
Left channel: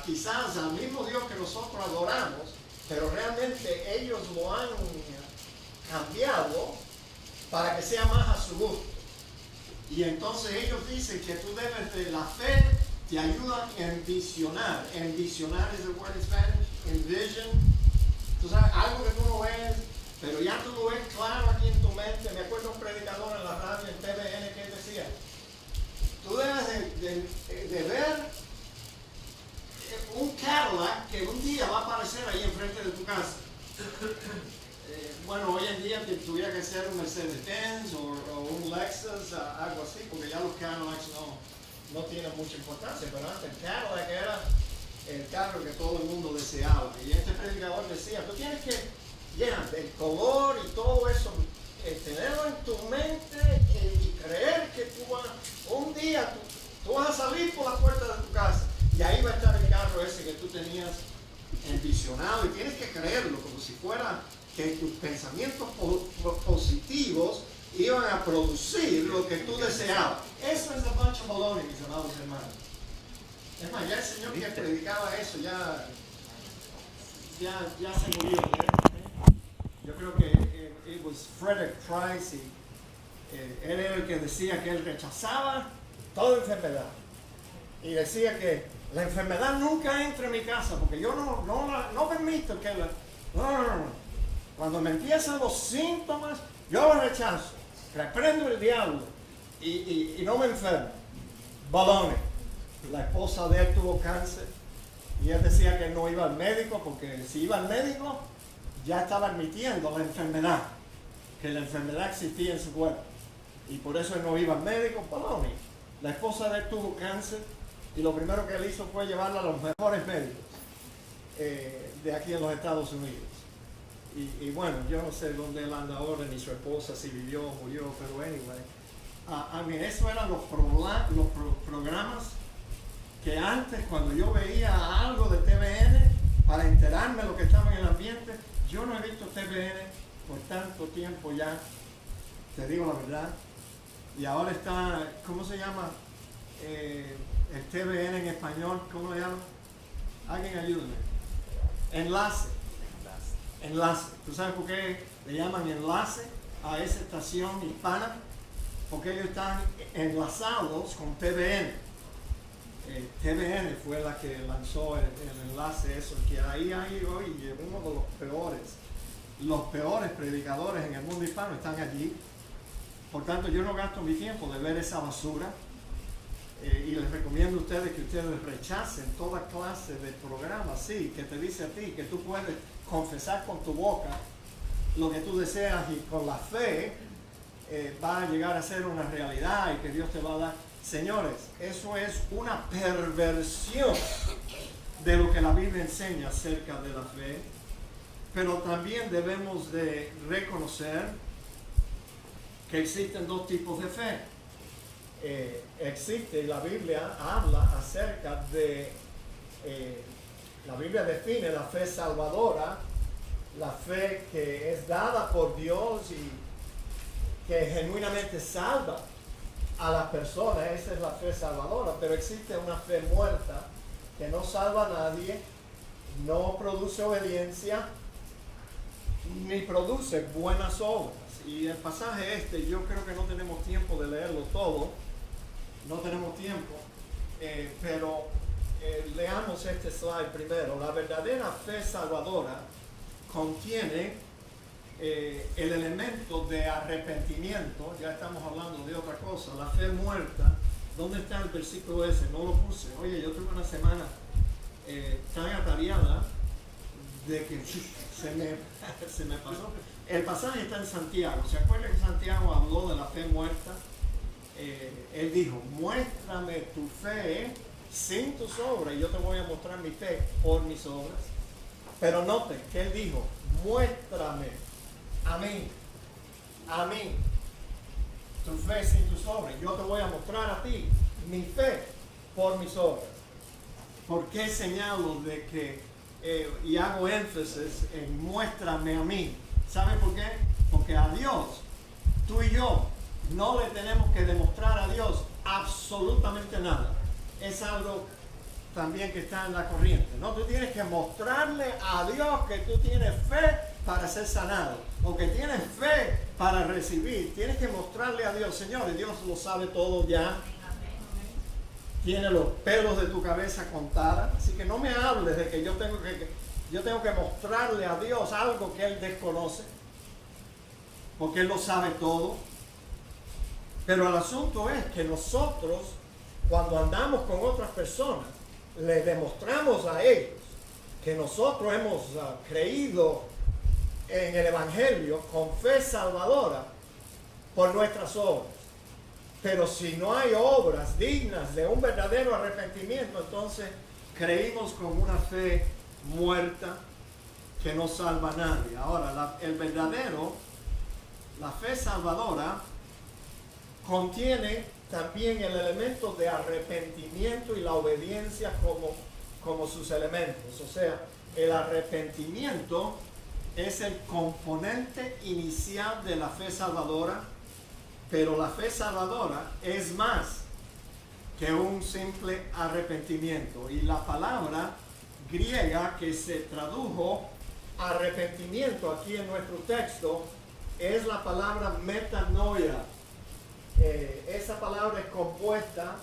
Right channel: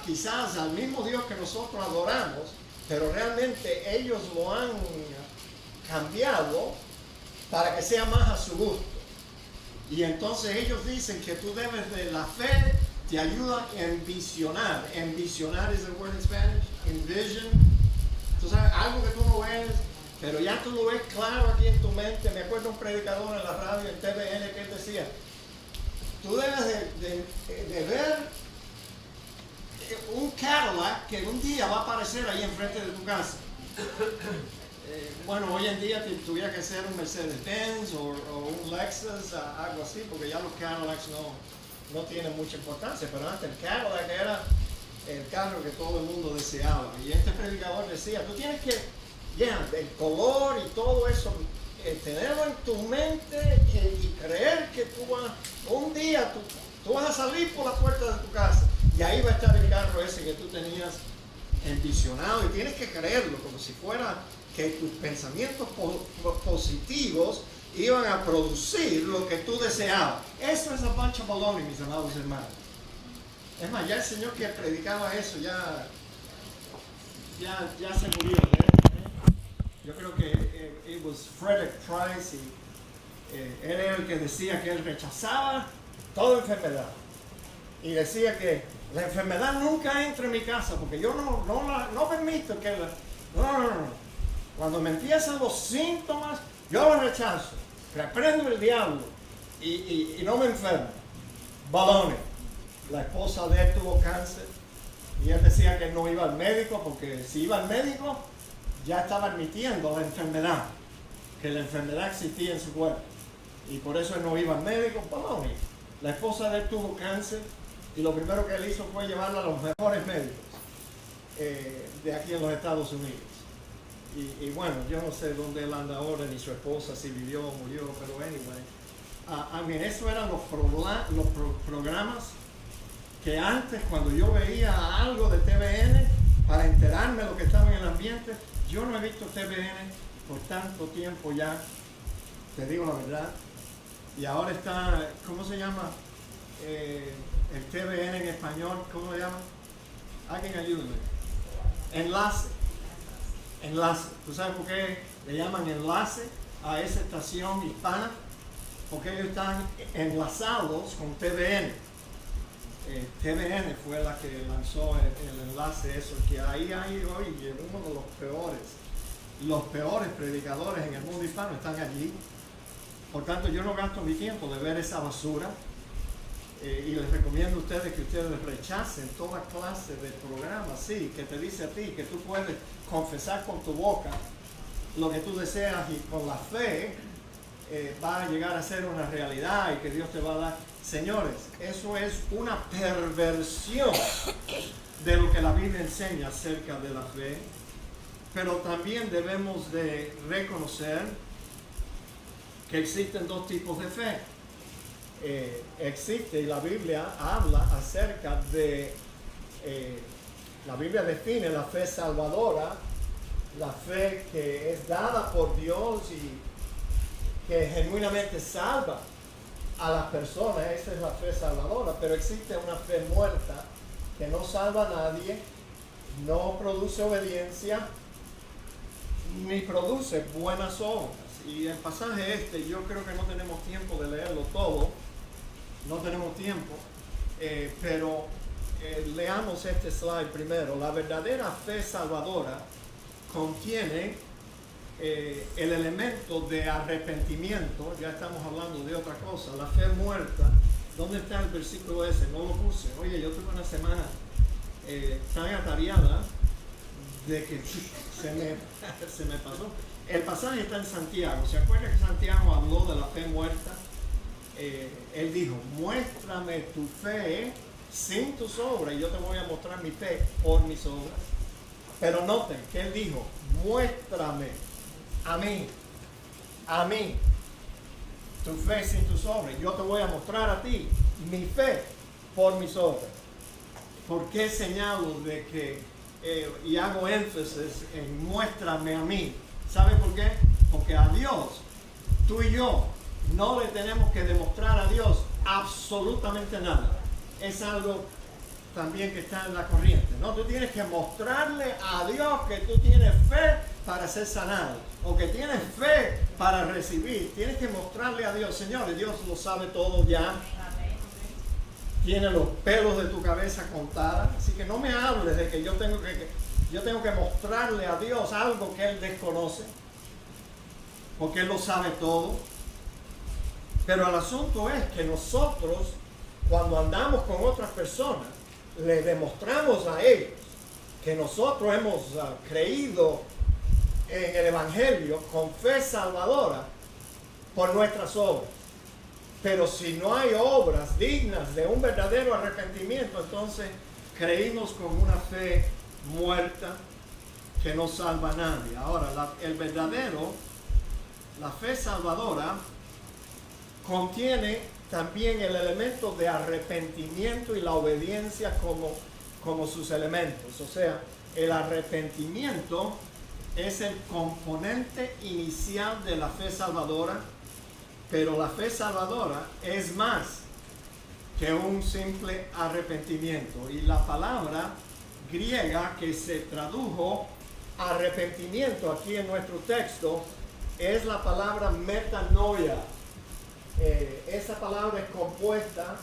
quizás al mismo Dios que nosotros adoramos, pero realmente ellos lo han cambiado para que sea más a su gusto. Y entonces ellos dicen que tú debes de la fe, te ayuda a envisionar. Envisionar is the word in Spanish. Envision. Tú sabes, algo que tú no ves, pero ya tú lo ves claro aquí en tu mente. Me acuerdo un predicador en la radio, en TVN, que él decía, tú debes de ver un Cadillac que un día va a aparecer ahí enfrente de tu casa. Bueno, hoy en día tuviera que ser un Mercedes-Benz o un Lexus, algo así, porque ya los Cadillacs no tienen mucha importancia, pero antes el Cadillac era el carro que todo el mundo deseaba. Y este predicador decía, tú tienes que, el color y todo eso, tenerlo en tu mente y creer que un día tú vas a salir por la puerta de tu casa y ahí va a estar el carro ese que tú tenías envisionado, y tienes que creerlo como si fuera que tus pensamientos positivos iban a producir lo que tú deseabas. Eso es a bunch of baloney, mis amados hermanos. Es más, ya el señor que predicaba eso ya se murió. Yo creo que it was Frederick Price, y él era el que decía que él rechazaba toda enfermedad. Y decía que la enfermedad nunca entra en mi casa, porque yo no permito que no. Cuando me empiezan los síntomas, yo los rechazo, reprendo el diablo y no me enfermo. Balones. La esposa de él tuvo cáncer y él decía que no iba al médico porque si iba al médico ya estaba admitiendo la enfermedad, que la enfermedad existía en su cuerpo y por eso él no iba al médico. Balones. La esposa de él tuvo cáncer y lo primero que él hizo fue llevarla a los mejores médicos de aquí en los Estados Unidos. Y bueno, yo no sé dónde él anda ahora, ni su esposa, si vivió o murió, pero anyway. Eso eran los programas que antes, cuando yo veía algo de TVN, para enterarme de lo que estaba en el ambiente, yo no he visto TVN por tanto tiempo ya, te digo la verdad. Y ahora está, ¿cómo se llama? El TVN en español, ¿cómo le llaman? Alguien ayúdame. Enlace. ¿Tú sabes por qué le llaman enlace a esa estación hispana? Porque ellos están enlazados con TVN. TVN fue la que lanzó el enlace, eso, que ahí hay hoy uno de los peores predicadores en el mundo hispano están allí. Por tanto, yo no gasto mi tiempo de ver esa basura. Y les recomiendo a ustedes que ustedes rechacen toda clase de programas, sí, que te dice a ti que tú puedes confesar con tu boca lo que tú deseas y con la fe va a llegar a ser una realidad y que Dios te va a dar. Señores, eso es una perversión de lo que la Biblia enseña acerca de la fe, pero también debemos de reconocer que existen dos tipos de fe. Existe, y la Biblia habla acerca de, la Biblia define la fe salvadora, la fe que es dada por Dios y que genuinamente salva a las personas. Esa es la fe salvadora. Pero existe una fe muerta que no salva a nadie, no produce obediencia, ni produce buenas obras. Y el pasaje yo creo que no tenemos tiempo de leerlo todo, no tenemos tiempo, pero leamos este slide primero. La verdadera fe salvadora contiene el elemento de arrepentimiento. Ya estamos hablando de otra cosa. La fe muerta, ¿dónde está el versículo ese? No lo puse. Oye, yo tuve una semana tan atareada de que se me pasó. El pasaje está en Santiago. ¿Se acuerda que Santiago habló de la fe muerta? Él dijo, muéstrame tu fe sin tus obras y yo te voy a mostrar mi fe por mis obras. Pero noten que él dijo, muéstrame a mí tu fe sin tus obras. Yo te voy a mostrar a ti mi fe por mis obras. ¿Por qué señalo de que y hago énfasis en muéstrame a mí? ¿Sabe por qué? Porque a Dios, tú y yo, no le tenemos que demostrar a Dios absolutamente nada. Es algo también que está en la corriente, ¿no? Tú tienes que mostrarle a Dios que tú tienes fe para ser sanado, o que tienes fe para recibir. Tienes que mostrarle a Dios, señores, Dios lo sabe todo ya. Tiene los pelos de tu cabeza contadas, así que no me hables de que yo tengo que mostrarle a Dios algo que Él desconoce, porque Él lo sabe todo. Pero el asunto es que nosotros, cuando andamos con otras personas, le demostramos a ellos que nosotros hemos creído en el Evangelio con fe salvadora por nuestras obras. Pero si no hay obras dignas de un verdadero arrepentimiento, entonces creímos con una fe muerta que no salva a nadie. Ahora, la fe salvadora contiene también el elemento de arrepentimiento y la obediencia como sus elementos. O sea, el arrepentimiento es el componente inicial de la fe salvadora, pero la fe salvadora es más que un simple arrepentimiento. Y la palabra griega que se tradujo arrepentimiento aquí en nuestro texto es la palabra metanoia. Esa palabra es compuesta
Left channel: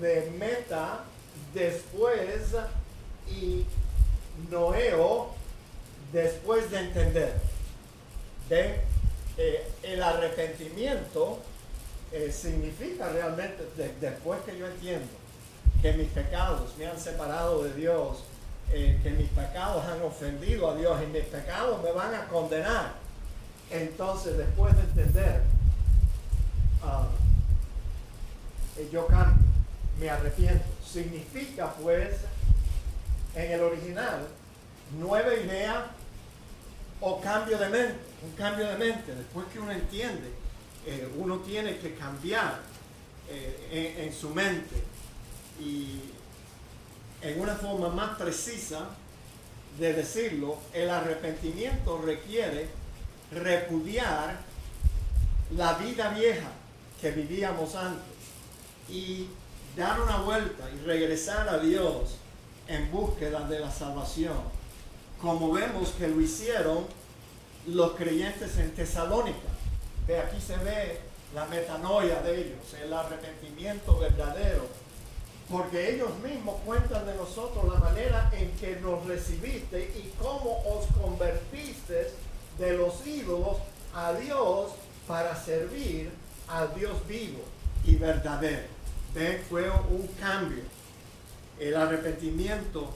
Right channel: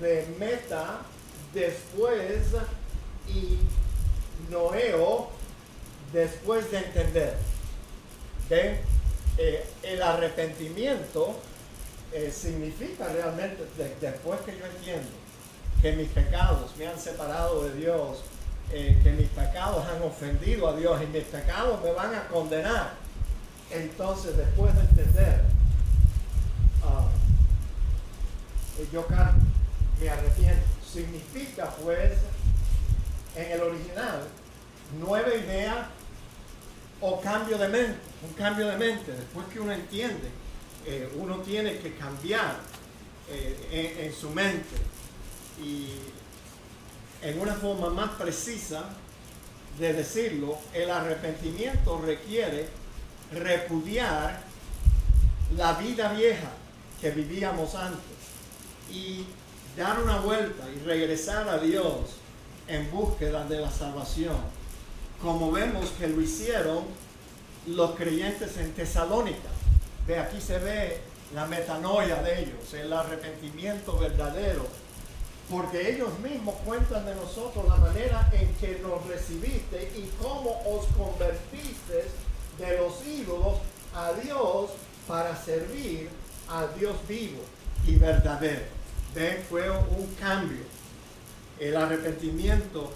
de meta, después, y noeo, después de entender. ¿Ven? El arrepentimiento significa realmente, después que yo entiendo que mis pecados me han separado de Dios, que mis pecados han ofendido a Dios y mis pecados me van a condenar, entonces después de entender, yo cambio, me arrepiento. Significa pues, en el original, nueva idea o cambio de mente, un cambio de mente. Después que uno entiende, uno tiene que cambiar en su mente, y en una forma más precisa de decirlo, el arrepentimiento requiere repudiar la vida vieja que vivíamos antes y dar una vuelta y regresar a Dios en búsqueda de la salvación, como vemos que lo hicieron los creyentes en Tesalónica. Aquí se ve la metanoia de ellos, el arrepentimiento verdadero, porque ellos mismos cuentan de nosotros la manera en que nos recibiste y cómo os convertiste de los ídolos a Dios para servir al Dios vivo y verdadero. ¿Ven? Fue un cambio. El arrepentimiento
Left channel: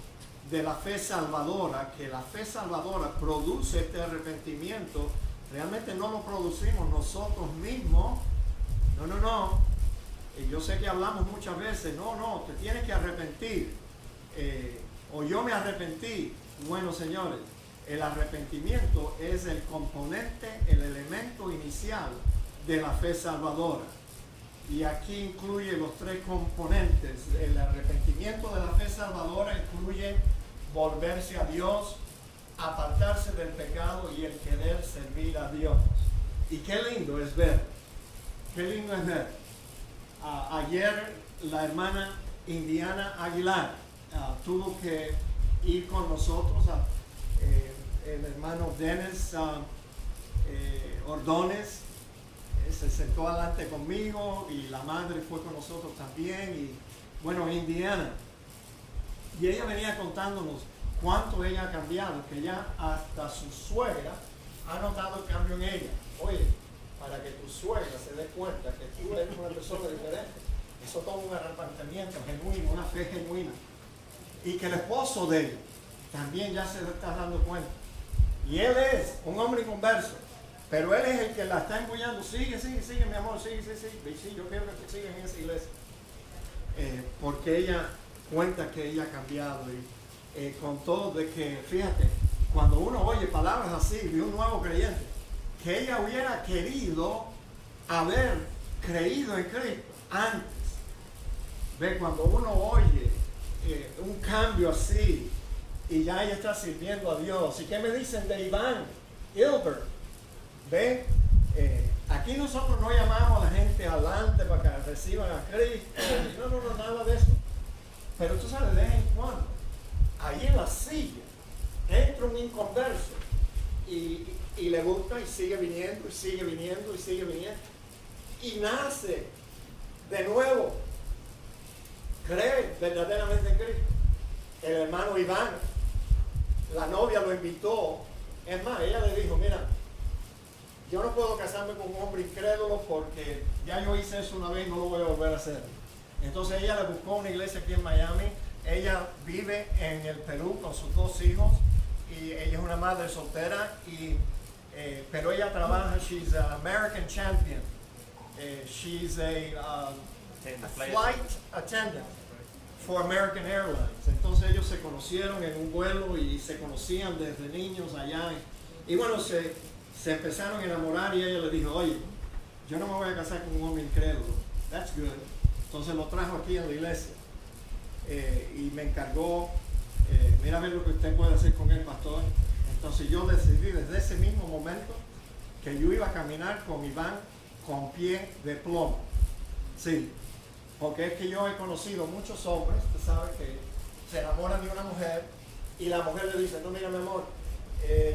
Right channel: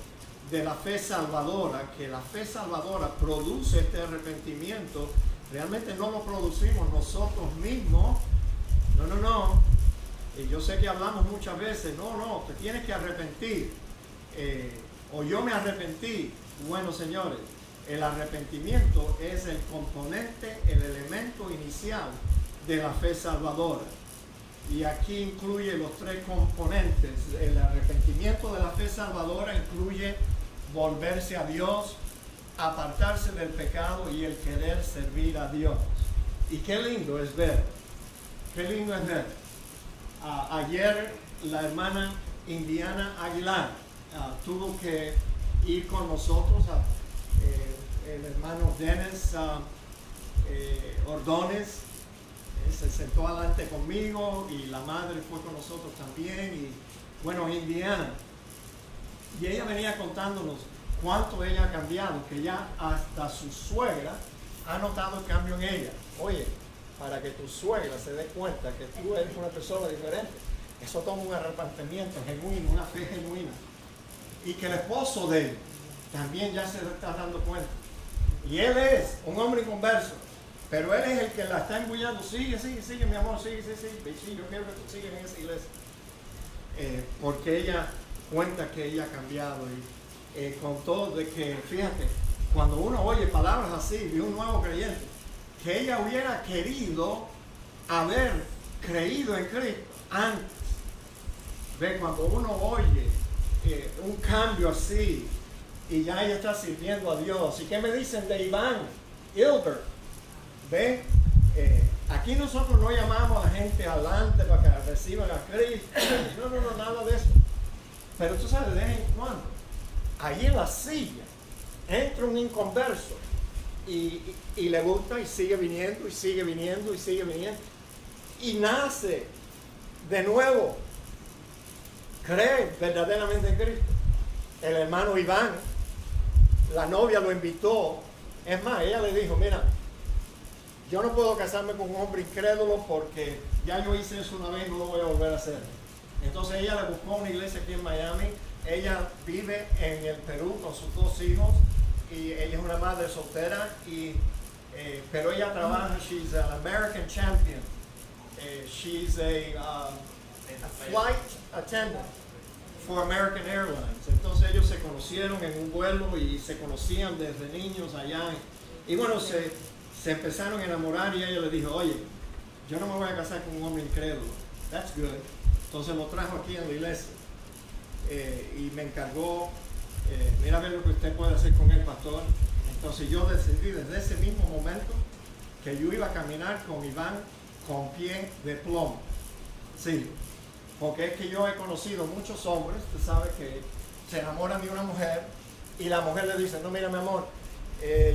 de la fe salvadora, que la fe salvadora produce este arrepentimiento, realmente no lo producimos nosotros mismos. No. Yo sé que hablamos muchas veces, no, te tienes que arrepentir. O yo me arrepentí. Bueno, señores, el arrepentimiento es el componente, el elemento inicial de la fe salvadora. Y aquí incluye los tres componentes. El arrepentimiento de la fe salvadora incluye volverse a Dios, apartarse del pecado y el querer servir a Dios. Y qué lindo es ver. Ayer la hermana Indiana Aguilar tuvo que ir con nosotros, el hermano Dennis Ordóñez se sentó adelante conmigo y la madre fue con nosotros también, y bueno, Indiana, y ella venía contándonos cuánto ella ha cambiado, que ya hasta su suegra ha notado el cambio en ella. Oye, para que tu suegra se dé cuenta que tú eres una persona diferente, eso toma un arrepentimiento genuino, una fe genuina, y que el esposo de ella también ya se está dando cuenta, y él es un hombre inconverso, pero él es el que la está embullando. Sigue, mi amor, sigue, sí, yo quiero que tú sigas en esa iglesia, porque ella cuenta que ella ha cambiado, y con todo de que, fíjate, cuando uno oye palabras así de un nuevo creyente, que ella hubiera querido haber creído en Cristo antes. Ve, cuando uno oye un cambio así, y ya ella está sirviendo a Dios. ¿Y qué me dicen de Iván Hilbert? Ve, aquí nosotros no llamamos a la gente adelante para que reciban a Cristo. No, nada de eso. Pero tú sabes, de vez en cuando, ahí en la silla, entra un inconverso y le gusta y sigue viniendo, y nace de nuevo, cree verdaderamente en Cristo. El hermano Iván, la novia lo invitó, es más, ella le dijo, mira, yo no puedo casarme con un hombre incrédulo porque ya yo hice eso una vez y no lo voy a volver a hacer. Entonces ella le buscó una iglesia aquí en Miami. Ella vive en el Perú con sus 2 hijos, y ella es una madre soltera, pero ella trabaja, she's an American champion, she's a flight attendant for American Airlines. Entonces ellos se conocieron en un vuelo y se conocían desde niños allá, y bueno, se empezaron a enamorar, y ella le dijo, oye, yo no me voy a casar con un hombre incrédulo. That's good. Entonces lo trajo aquí en la iglesia, y me encargó, mira a ver lo que usted puede hacer con el pastor. Entonces yo decidí desde ese mismo momento que yo iba a caminar con Iván con pie de plomo. Sí, porque es que yo he conocido muchos hombres, tú sabes, que se enamoran de una mujer y la mujer le dice, no, mira mi amor,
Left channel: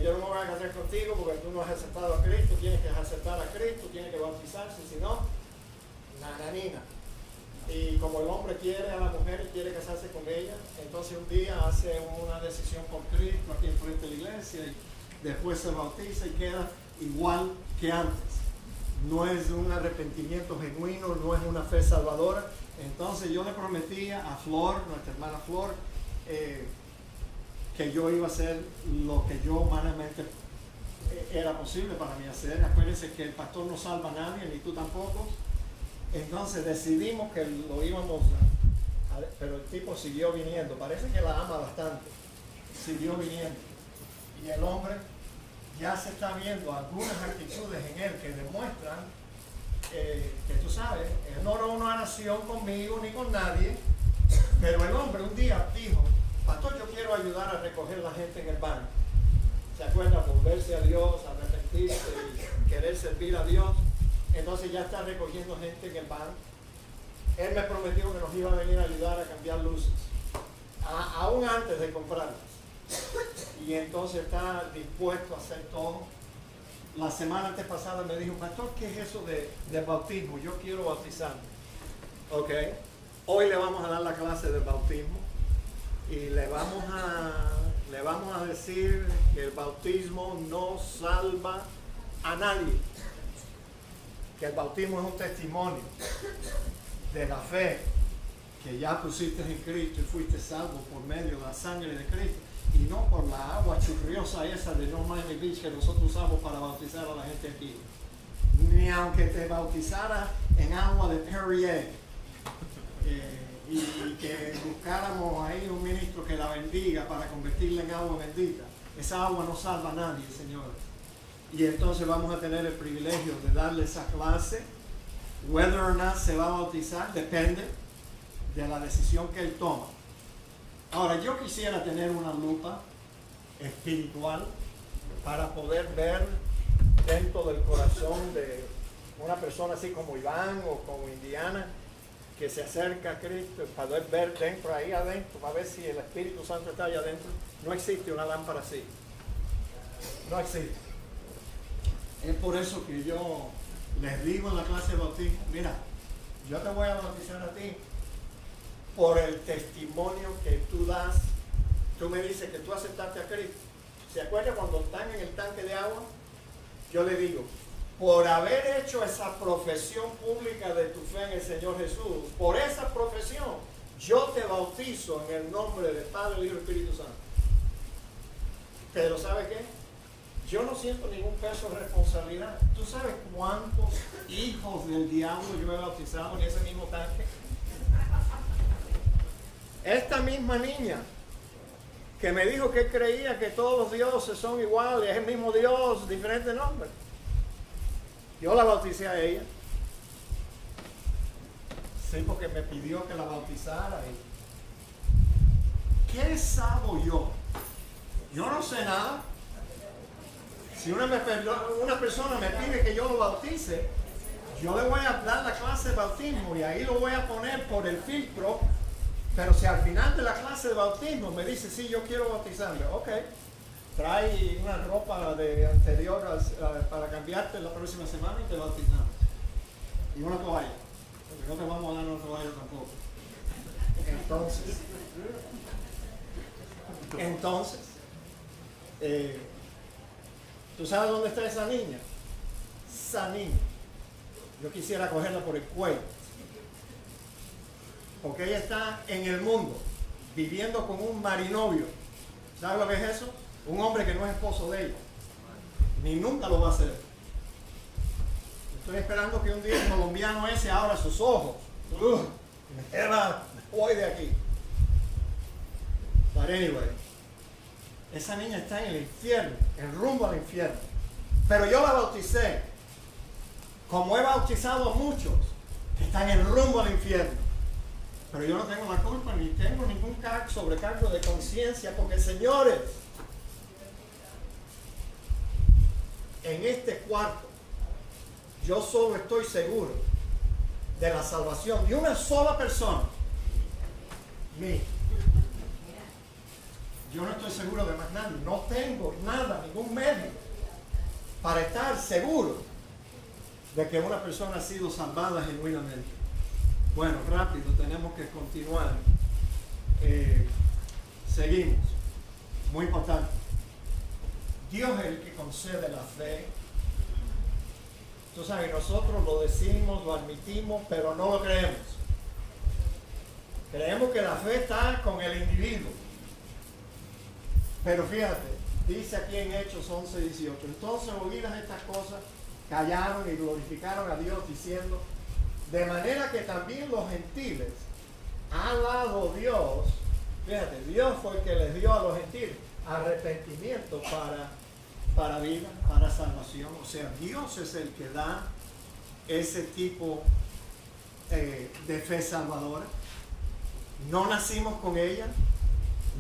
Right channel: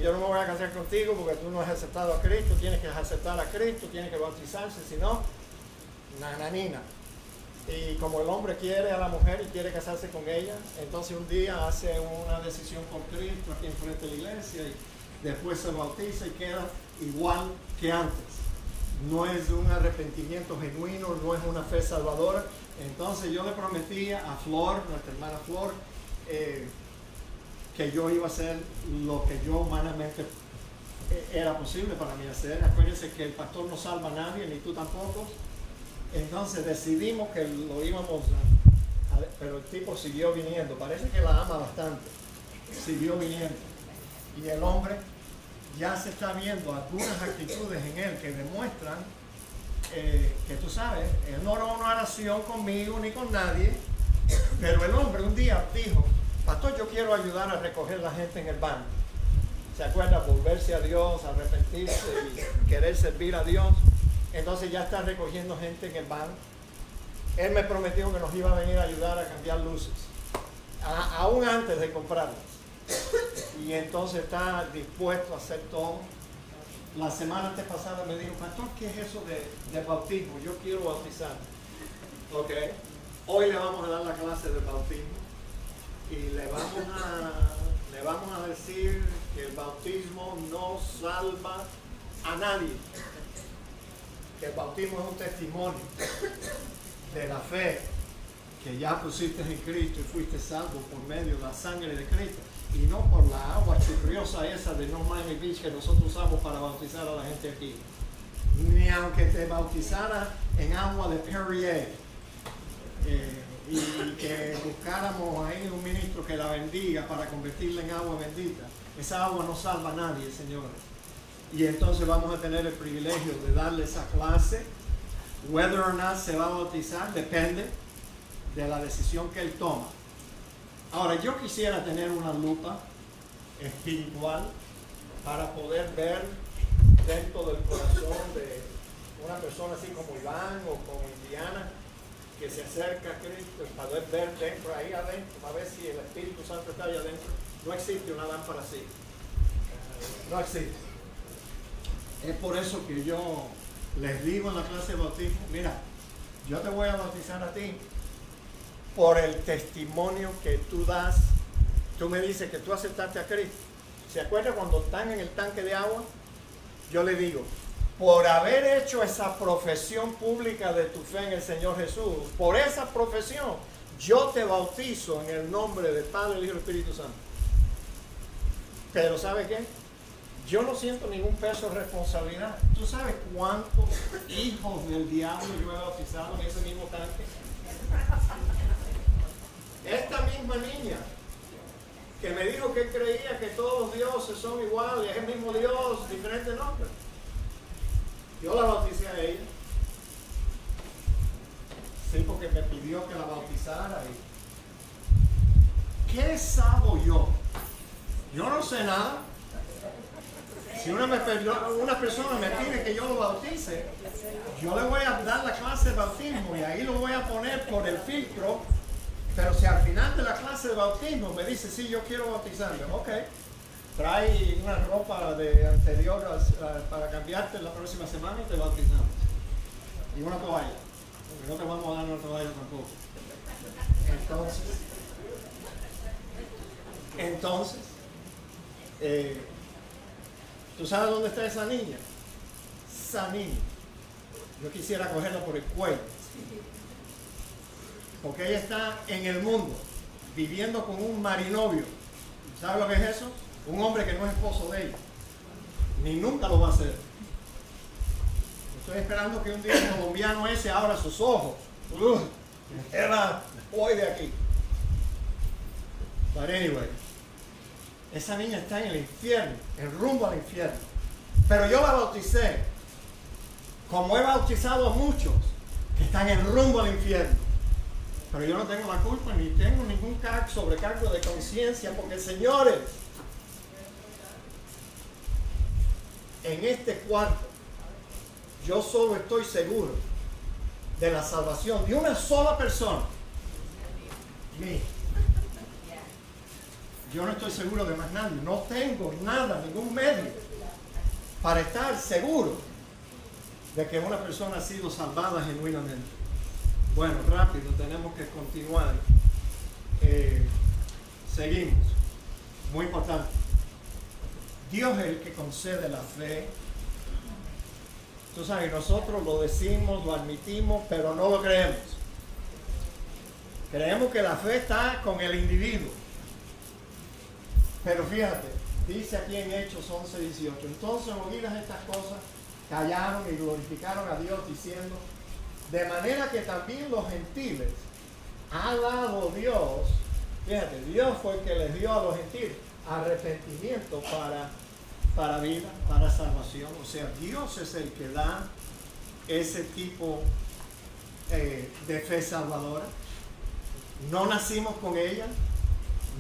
yo no me voy a casar contigo porque tú no has aceptado a Cristo, tienes que aceptar a Cristo, tienes que bautizarse, si no, nananina. Y como el hombre quiere a la mujer y quiere casarse con ella, entonces un día hace una decisión por Cristo aquí enfrente de la iglesia, y después se bautiza y queda igual que antes. No es un arrepentimiento genuino, no es una fe salvadora. Entonces yo le prometí a Flor, nuestra hermana Flor, que yo iba a hacer lo que yo humanamente era posible para mí hacer. Acuérdense que el pastor no salva a nadie, ni tú tampoco. Entonces decidimos que lo íbamos pero el tipo siguió viniendo. Parece que la ama bastante. Siguió viniendo. Y el hombre ya se está viendo algunas actitudes en él que demuestran que tú sabes, él no oró una oración conmigo ni con nadie, pero el hombre un día dijo: pastor, yo quiero ayudar a recoger la gente en el banco. ¿Se acuerda? Volverse a Dios, arrepentirse y querer servir a Dios. Entonces ya está recogiendo gente en el banco. Él me prometió que nos iba a venir a ayudar a cambiar luces, aún antes de comprarlas. Y entonces está dispuesto a hacer todo. La semana antepasada me dijo: pastor, ¿qué es eso de bautismo? Yo quiero bautizarme. Ok. Hoy le vamos a dar la clase de bautismo y le vamos a decir que el bautismo no salva a nadie. Que el bautismo es un testimonio de la fe que ya pusiste en Cristo y fuiste salvo por medio de la sangre de Cristo, y no por la agua churriosa esa de North Miami Beach que nosotros usamos para bautizar a la gente aquí. Ni aunque te bautizara en agua de Perrier y que buscáramos ahí un ministro que la bendiga para convertirla en agua bendita. Esa agua no salva a nadie, señores. Y entonces vamos a tener el privilegio de darle esa clase. Whether or not se va a bautizar depende de la decisión que él toma. Ahora, yo quisiera tener una lupa espiritual para poder ver dentro del corazón de una persona así como Iván o como Indiana, que se acerca a Cristo, para poder ver dentro, ahí adentro, para ver si el Espíritu Santo está ahí adentro. No existe una lámpara así. No existe. Es por eso que yo les digo en la clase de bautismo: mira, yo te voy a bautizar a ti por el testimonio que tú das. Tú me dices que tú aceptaste a Cristo. ¿Se acuerda cuando están en el tanque de agua? Yo le digo: por haber hecho esa profesión pública de tu fe en el Señor Jesús, por esa profesión, yo te bautizo en el nombre del Padre, el Hijo y el Espíritu Santo. Pero ¿sabe qué? Yo no siento ningún peso de responsabilidad. ¿Tú sabes cuántos hijos del diablo yo he bautizado en ese mismo tanque? Esta misma niña que me dijo que creía que todos los dioses son iguales, es el mismo Dios, diferente nombre. Yo la bauticé a ella. Sí, porque me pidió que la bautizara. ¿Qué sabo yo? Yo no sé nada. Si una persona me pide que yo lo bautice, yo le voy a dar la clase de bautismo y ahí lo voy a poner por el filtro. Pero si al final de la clase de bautismo me dice: sí, yo quiero bautizarme, ok, trae una ropa de anterior para cambiarte la próxima semana y te bautizamos. Y una toalla, porque no te vamos a dar una toalla tampoco. Entonces, ¿tú sabes dónde está esa niña? Esa niña, yo quisiera cogerla por el cuello, porque ella está en el mundo viviendo con un marinovio. ¿Sabes lo que es eso? Un hombre que no es esposo de ella, ni nunca lo va a ser. Estoy esperando que un día el colombiano ese abra sus ojos. Voy de aquí. But anyway, esa niña está en el infierno, en rumbo al infierno. Pero yo la bauticé, como he bautizado a muchos que están en rumbo al infierno. Pero yo no tengo la culpa, ni tengo ningún sobrecargo de conciencia, porque, señores, en este cuarto, yo solo estoy seguro de la salvación de una sola persona, mí. Yo no estoy seguro de más nadie. No tengo nada, ningún medio para estar seguro de que una persona ha sido salvada genuinamente. Bueno, rápido, tenemos que continuar. Seguimos. Muy importante. Dios es el que concede la fe Tú sabes, nosotros lo decimos, lo admitimos, pero no lo creemos. Creemos que la fe está con el individuo. Pero fíjate, dice aquí en Hechos 11:18, entonces oídas estas cosas, callaron y glorificaron a Dios diciendo, de manera que también los gentiles ha dado Dios, fíjate, Dios fue el que les dio a los gentiles arrepentimiento para vida, para salvación. O sea, Dios es el que da ese tipo de fe salvadora. No nacimos con ella,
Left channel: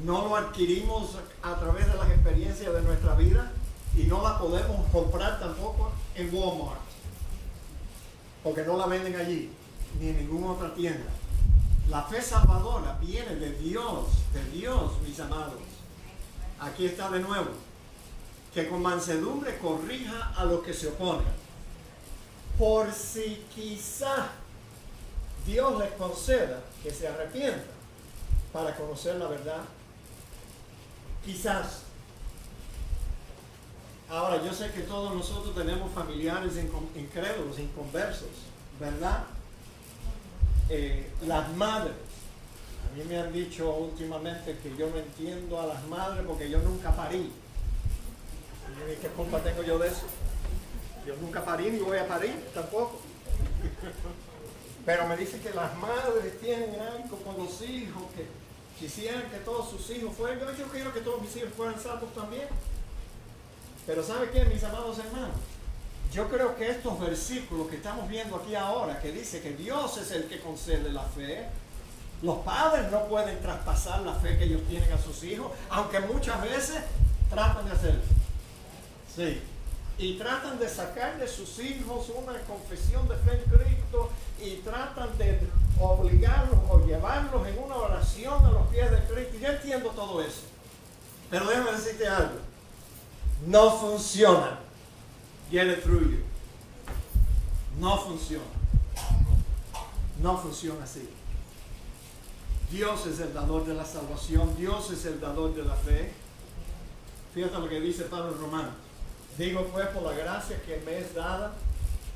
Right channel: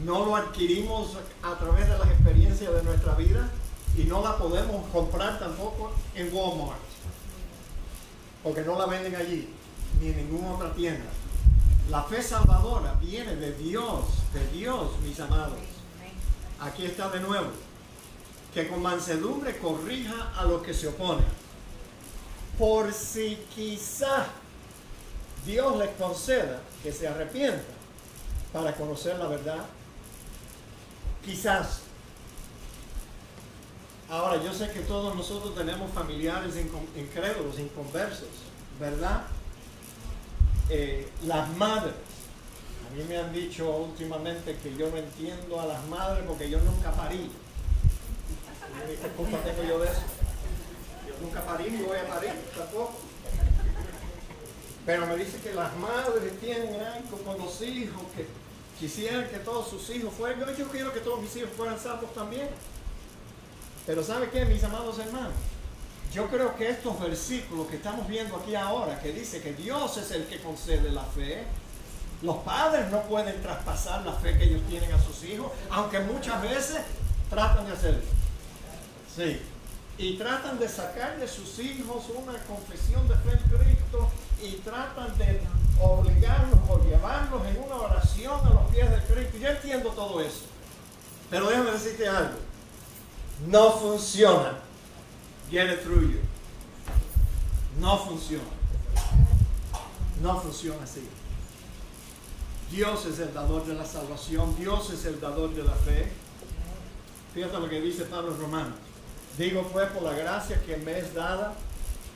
no lo adquirimos a través de las experiencias de nuestra vida y no la podemos comprar tampoco en Walmart, porque no la venden allí, ni en ninguna otra tienda. La fe salvadora viene de Dios, mis amados. Aquí está de nuevo, que con mansedumbre corrija a los que se oponen, por si quizá Dios les conceda que se arrepientan para conocer la verdad. Quizás. Ahora, yo sé que todos nosotros tenemos familiares incrédulos, inconversos, ¿verdad? Las madres. A mí me han dicho últimamente que yo no entiendo a las madres porque yo nunca parí. ¿Qué culpa tengo yo de eso? Yo nunca parí ni voy a parir tampoco. Pero me dice que las madres tienen algo con los hijos, que quisieran que todos sus hijos fueran. Yo quiero que todos mis hijos fueran salvos también. Pero ¿sabe qué, mis amados hermanos? Yo creo que estos versículos que estamos viendo aquí ahora, que dice que Dios es el que concede la fe, los padres no pueden traspasar la fe que ellos tienen a sus hijos, aunque muchas veces tratan de hacerlo. Sí. Y tratan de sacar de sus hijos una confesión de fe en Cristo y tratan de obligarlos o llevarlos en una oración a los pies de Cristo. Yo entiendo todo eso. Pero déjame decirte algo. No funciona. Get it through you. No funciona. No funciona así. Dios es el dador de la salvación. Dios es el dador de la fe. Fíjate lo que dice Pablo en Romanos. Digo pues por la gracia que me es dada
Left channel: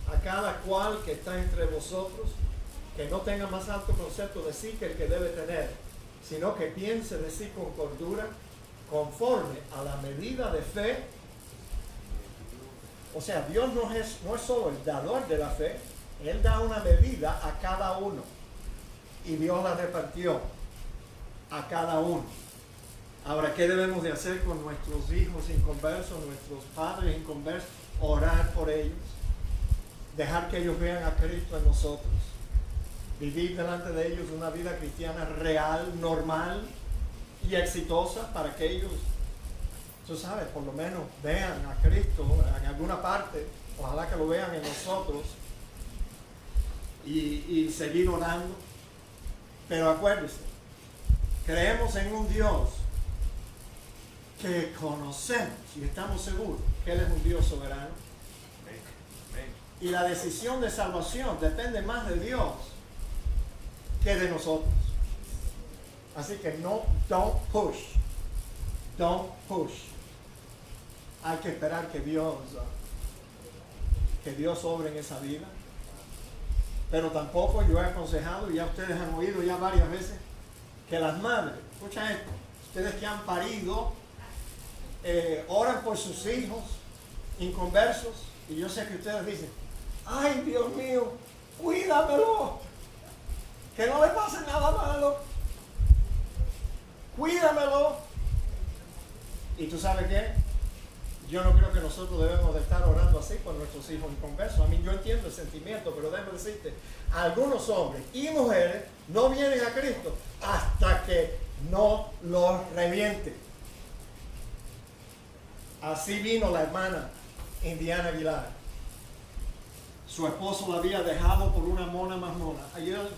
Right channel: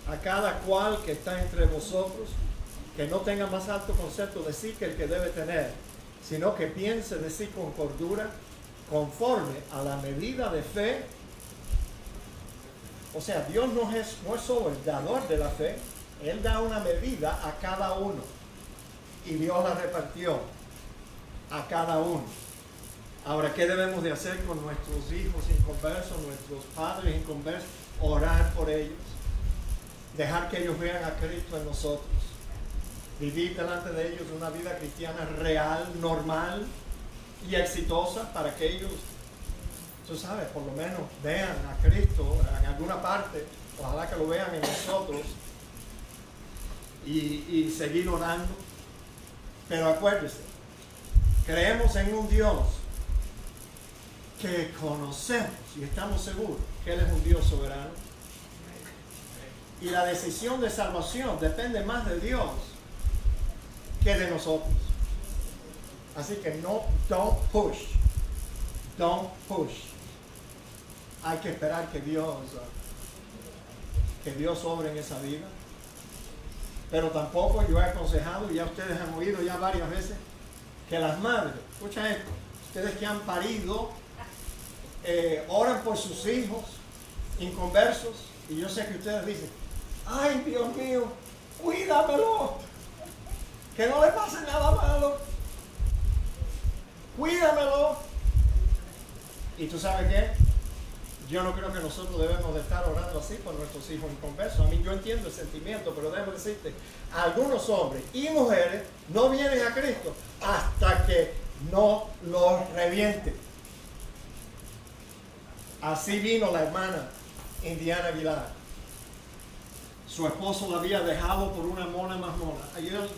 a cada cual que está entre vosotros, que no tenga más alto concepto de sí que el que debe tener, sino que piense de sí con cordura, conforme a la medida de fe. O sea, Dios no es solo el dador de la fe, Él da una medida a cada uno. Y Dios la repartió a cada uno. Ahora, ¿qué debemos de hacer con nuestros hijos inconversos, nuestros padres inconversos? Orar por ellos. Dejar que ellos vean a Cristo en nosotros. Vivir delante de ellos una vida cristiana real, normal y exitosa para que ellos, tú sabes, por lo menos vean a Cristo en alguna parte. Ojalá que lo vean en nosotros y seguir orando. Pero acuérdense, creemos en un Dios que conocemos y estamos seguros que Él es un Dios soberano. Y la decisión de salvación depende más de Dios que de nosotros. Así que don't push. Hay que esperar que Dios obre en esa vida. Pero tampoco yo he aconsejado, y ya ustedes han oído ya varias veces, que las madres, escucha esto, ustedes que han parido, oran por sus hijos inconversos, y yo sé que ustedes dicen, ay Dios mío, cuídamelo, que no le pase nada malo, cuídamelo. Y tú sabes qué, yo no creo que nosotros debemos de estar orando así por nuestros hijos inconversos. A mí yo entiendo el sentimiento, pero déjame decirte, algunos hombres y mujeres no vienen a Cristo hasta que no los revienten. Así vino la hermana Indiana Aguilar. Su esposo la había dejado por una mona más mona.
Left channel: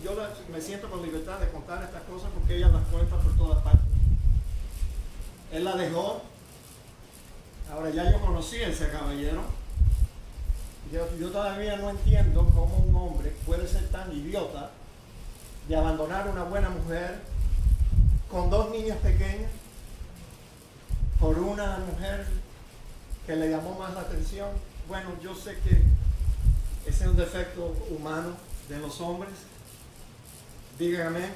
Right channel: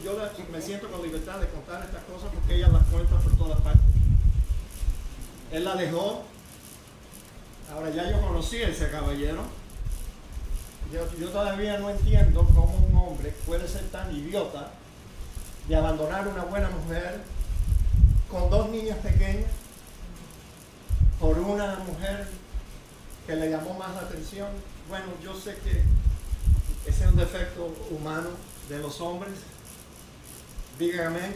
Yo me siento con libertad de contar estas cosas porque ella las cuenta por todas partes. Él la dejó. Ahora ya yo conocí a ese caballero. Yo todavía no entiendo cómo un hombre puede ser tan idiota de abandonar una buena mujer con 2 niñas pequeñas por una mujer que le llamó más la atención. Bueno, yo sé que ese es un defecto humano de los hombres. Digan amén.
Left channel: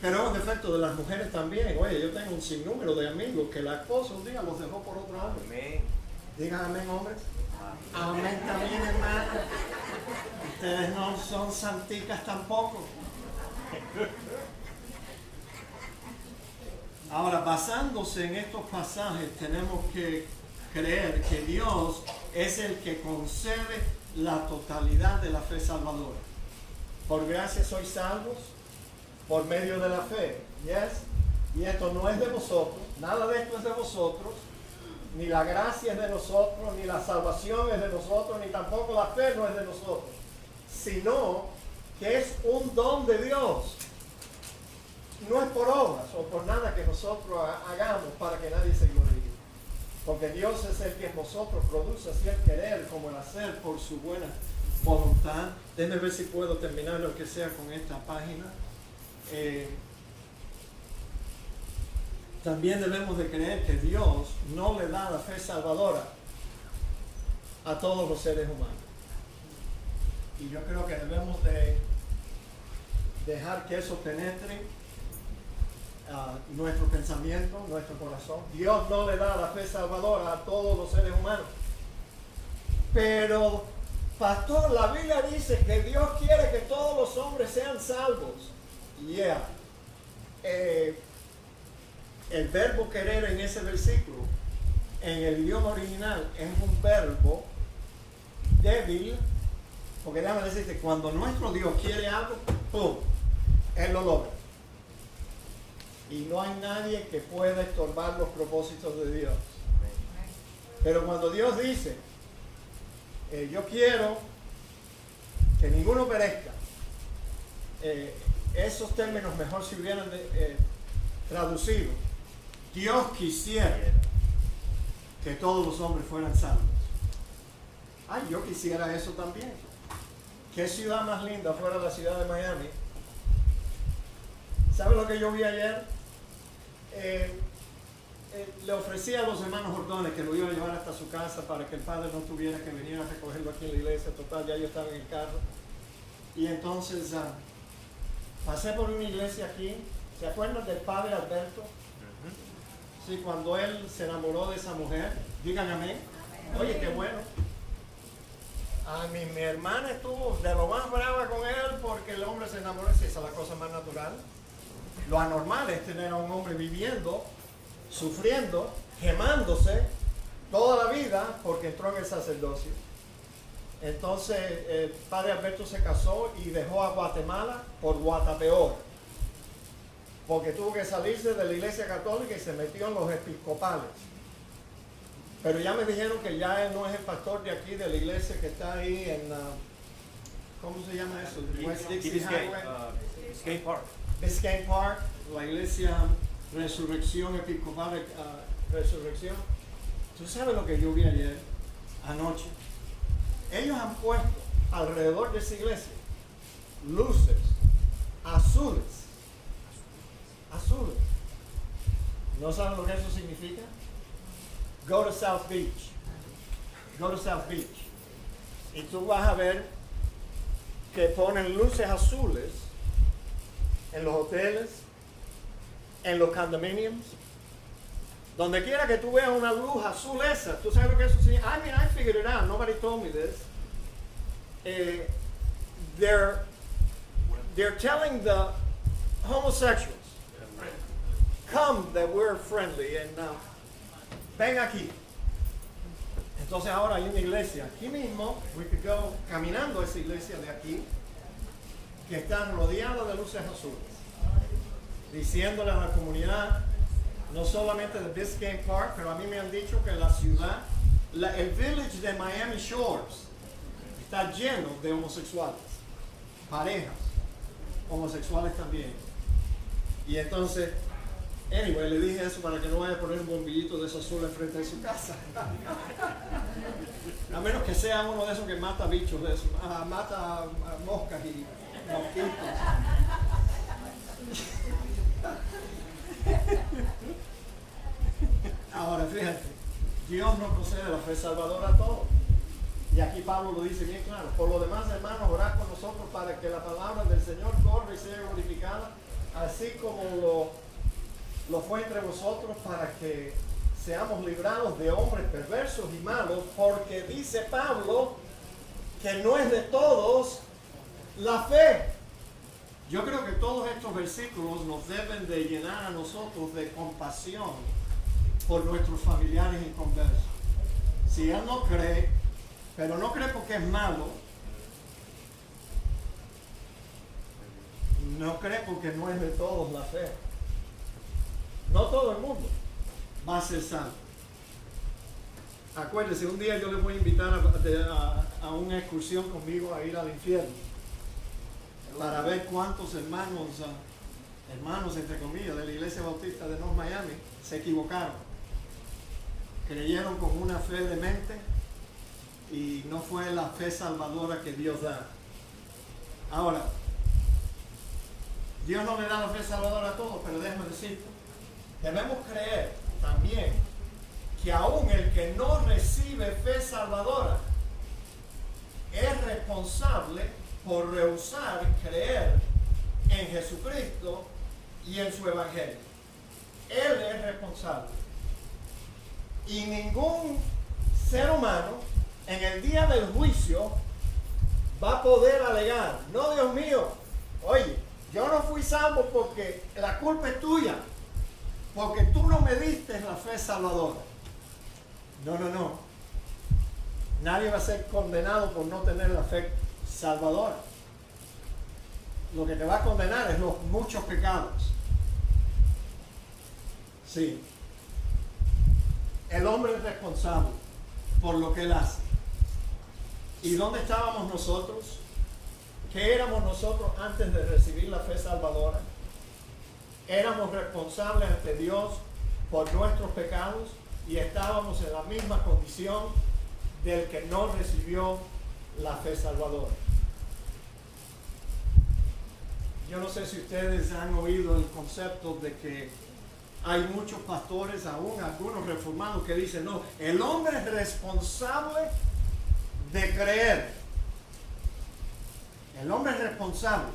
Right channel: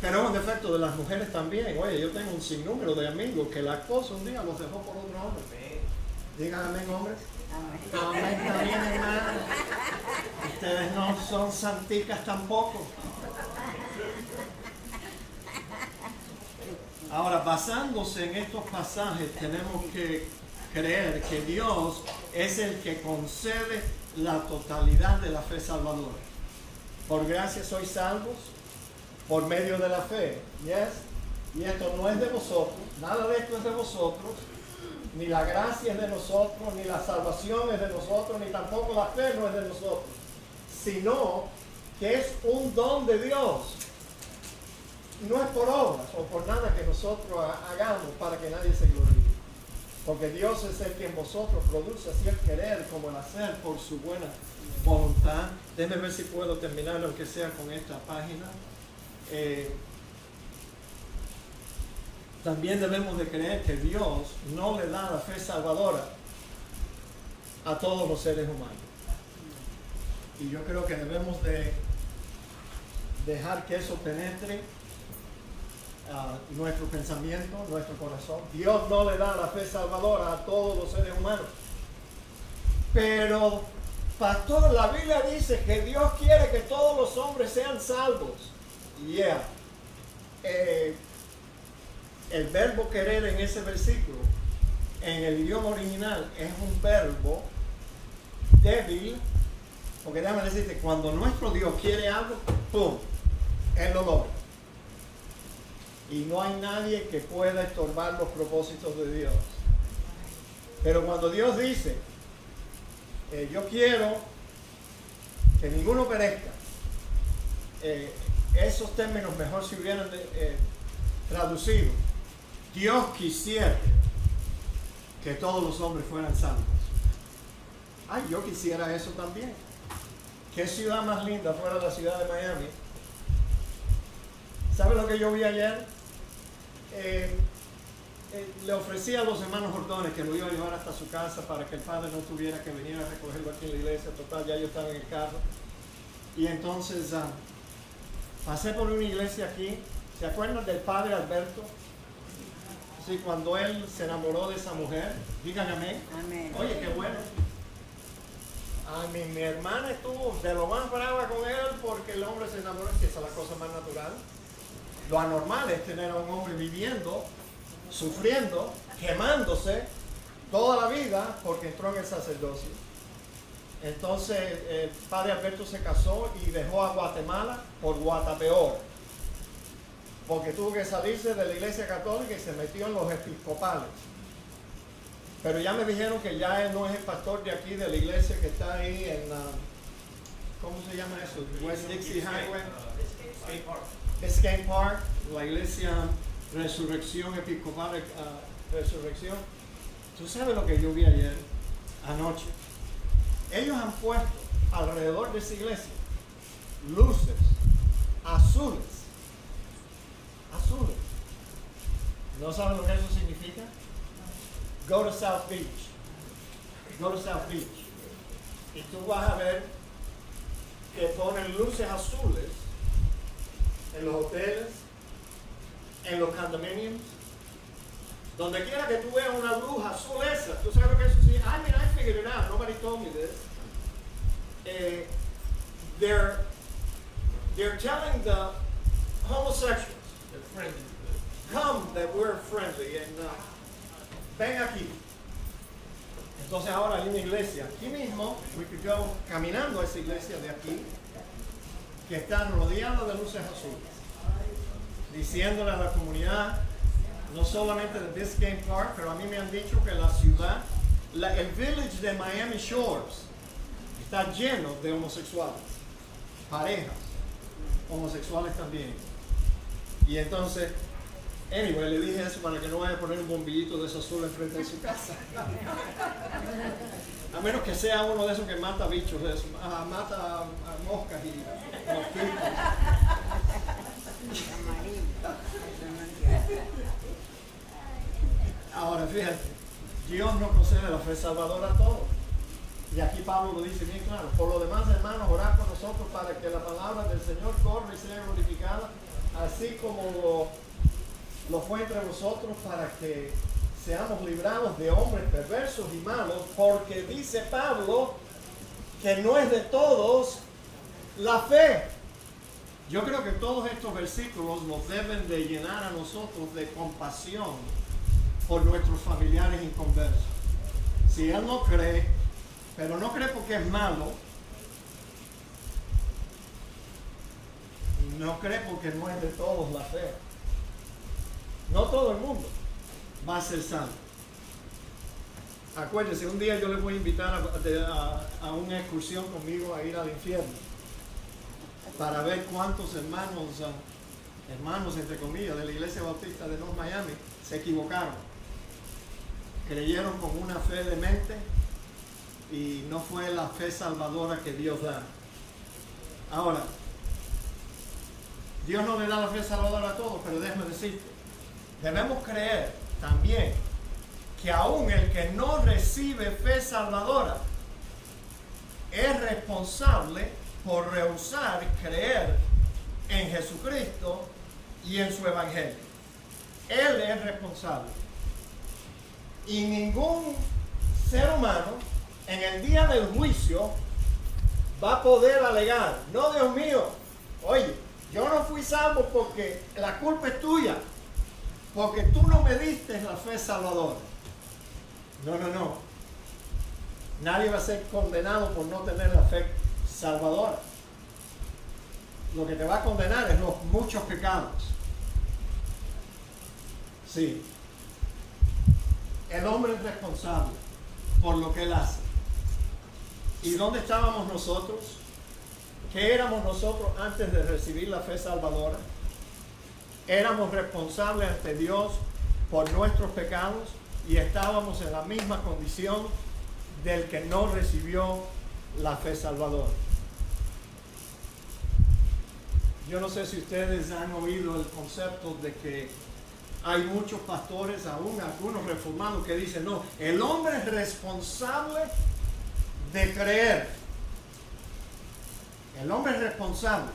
Pero es un defecto de las mujeres también. Oye, yo tengo un sinnúmero de amigos que la esposa un día los dejó por otro hombre. Digan amén, hombres. Amén también, hermano. Ustedes no son santicas tampoco. Ahora, basándose en estos pasajes, tenemos que creer que Dios es el que concede la totalidad de la fe salvadora. Por gracia sois salvos por medio de la fe. Yes. Y esto no es de vosotros, nada de esto es de vosotros, ni la gracia es de nosotros, ni la salvación es de nosotros, ni tampoco la fe no es de nosotros, sino que es un don de Dios. No es por obras o por nada que nosotros hagamos para que nadie se gloríe. Porque Dios es el que en vosotros produce así el querer como el hacer por su buena voluntad. Déjenme ver si puedo terminar aunque sea con esta página. También debemos de creer que Dios no le da la fe salvadora a todos los seres humanos. Y yo creo que debemos de dejar que eso penetre nuestro pensamiento, nuestro corazón. Dios no le da la fe salvadora a todos los seres humanos. Pero, pastor, la Biblia dice que Dios quiere que todos los hombres sean salvos. Yeah. El verbo querer en ese versículo, en el idioma original, es un verbo débil. Porque déjame decirte, cuando nuestro Dios quiere algo, ¡pum!, Él lo logra. Y no hay nadie que pueda estorbar los propósitos de Dios. Pero cuando Dios dice, yo quiero que ninguno perezca, esos términos mejor si hubieran traducido. Dios quisiera que todos los hombres fueran salvos. Ay, yo quisiera eso también. ¿Qué ciudad más linda fuera la ciudad de Miami? ¿Sabe lo que yo vi ayer? Le ofrecí a los hermanos Jordones que lo iba a llevar hasta su casa para que el padre no tuviera que venir a recogerlo aquí en la iglesia. Total, ya yo estaba en el carro. Y entonces pasé por una iglesia aquí. ¿Se acuerdan del padre Alberto? Sí, cuando él se enamoró de esa mujer. Digan amén. Amén. Oye, qué bueno. Mi hermana estuvo de lo más brava con él porque el hombre se enamoró. Si esa es la cosa más natural. Lo anormal es tener a un hombre viviendo, sufriendo, quemándose toda la vida porque entró en el sacerdocio. Entonces el padre Alberto se casó y dejó a Guatemala por Guatapeor, porque tuvo que salirse de la iglesia católica y se metió en los episcopales. Pero ya me dijeron que ya él no es el pastor de aquí, de la iglesia que está ahí en, ¿cómo se llama eso? West Dixie Highway. Biscayne Park, la iglesia Resurrección Episcopal, Resurrección. ¿Tú sabes lo que yo vi ayer, anoche? Ellos han puesto alrededor de esa iglesia luces azules. Azules. ¿No saben lo que eso significa? Go to South Beach. Go to South Beach. Y tú vas a ver que ponen luces azules en los hoteles, en los condominiums, donde quiera que tú veas una luz azul esa. ¿Tú sabes lo que eso significa? I figured it out. Nobody told me this. They're telling the homosexuals, come that we're friendly and ven aquí. Entonces ahora hay una iglesia aquí mismo, we could go caminando a esa iglesia de aquí, que están rodeadas de luces azules, diciéndole a la comunidad, no solamente de Biscayne Park, pero a mí me han dicho que la ciudad, el village de Miami Shores, está lleno de homosexuales, parejas homosexuales también. Y entonces, anyway, le dije eso para que no vaya a poner un bombillito de esos azul enfrente de su casa. A menos que sea uno de esos que mata bichos, de esos, mata moscas y mosquitos. Ahora fíjate, Dios no concede la fe salvadora a todos. Y aquí Pablo lo dice bien claro. Por lo demás, hermanos, orad por nosotros para que la palabra del Señor corra y sea glorificada, así como lo fue entre vosotros, para que seamos librados de hombres perversos y malos, porque dice Pablo que no es de todos la fe. Yo creo que todos estos versículos nos deben de llenar a nosotros de compasión por nuestros familiares inconversos. Si él no cree, pero no cree porque es malo, no cree porque no es de todos la fe. No todo el mundo va a ser salvo. Acuérdense, un día yo les voy a invitar a una excursión conmigo a ir al infierno, para ver cuántos hermanos entre comillas, de la Iglesia Bautista de North Miami se equivocaron. Creyeron con una fe demente y no fue la fe salvadora que Dios da. Ahora, Dios no le da la fe salvadora a todos, pero déjame decirte, debemos creer también que aún el que no recibe fe salvadora es responsable por rehusar creer en Jesucristo y en su evangelio. Él es responsable. Y ningún ser humano en el día del juicio va a poder alegar: no, Dios mío, oye, yo no fui salvo porque la culpa es tuya, porque tú no me diste la fe salvadora. No, no, no. Nadie va a ser condenado por no tener la fe salvadora. Lo que te va a condenar es los muchos pecados. Sí. El hombre es responsable por lo que él hace. ¿Y dónde estábamos nosotros? ¿Qué éramos nosotros antes de recibir la fe salvadora? Éramos responsables ante Dios por nuestros pecados y estábamos en la misma condición del que no recibió la fe salvadora. Yo no sé si ustedes han oído el concepto de que hay muchos pastores, aún algunos reformados, que dicen: no, el hombre es responsable de creer. El hombre es responsable.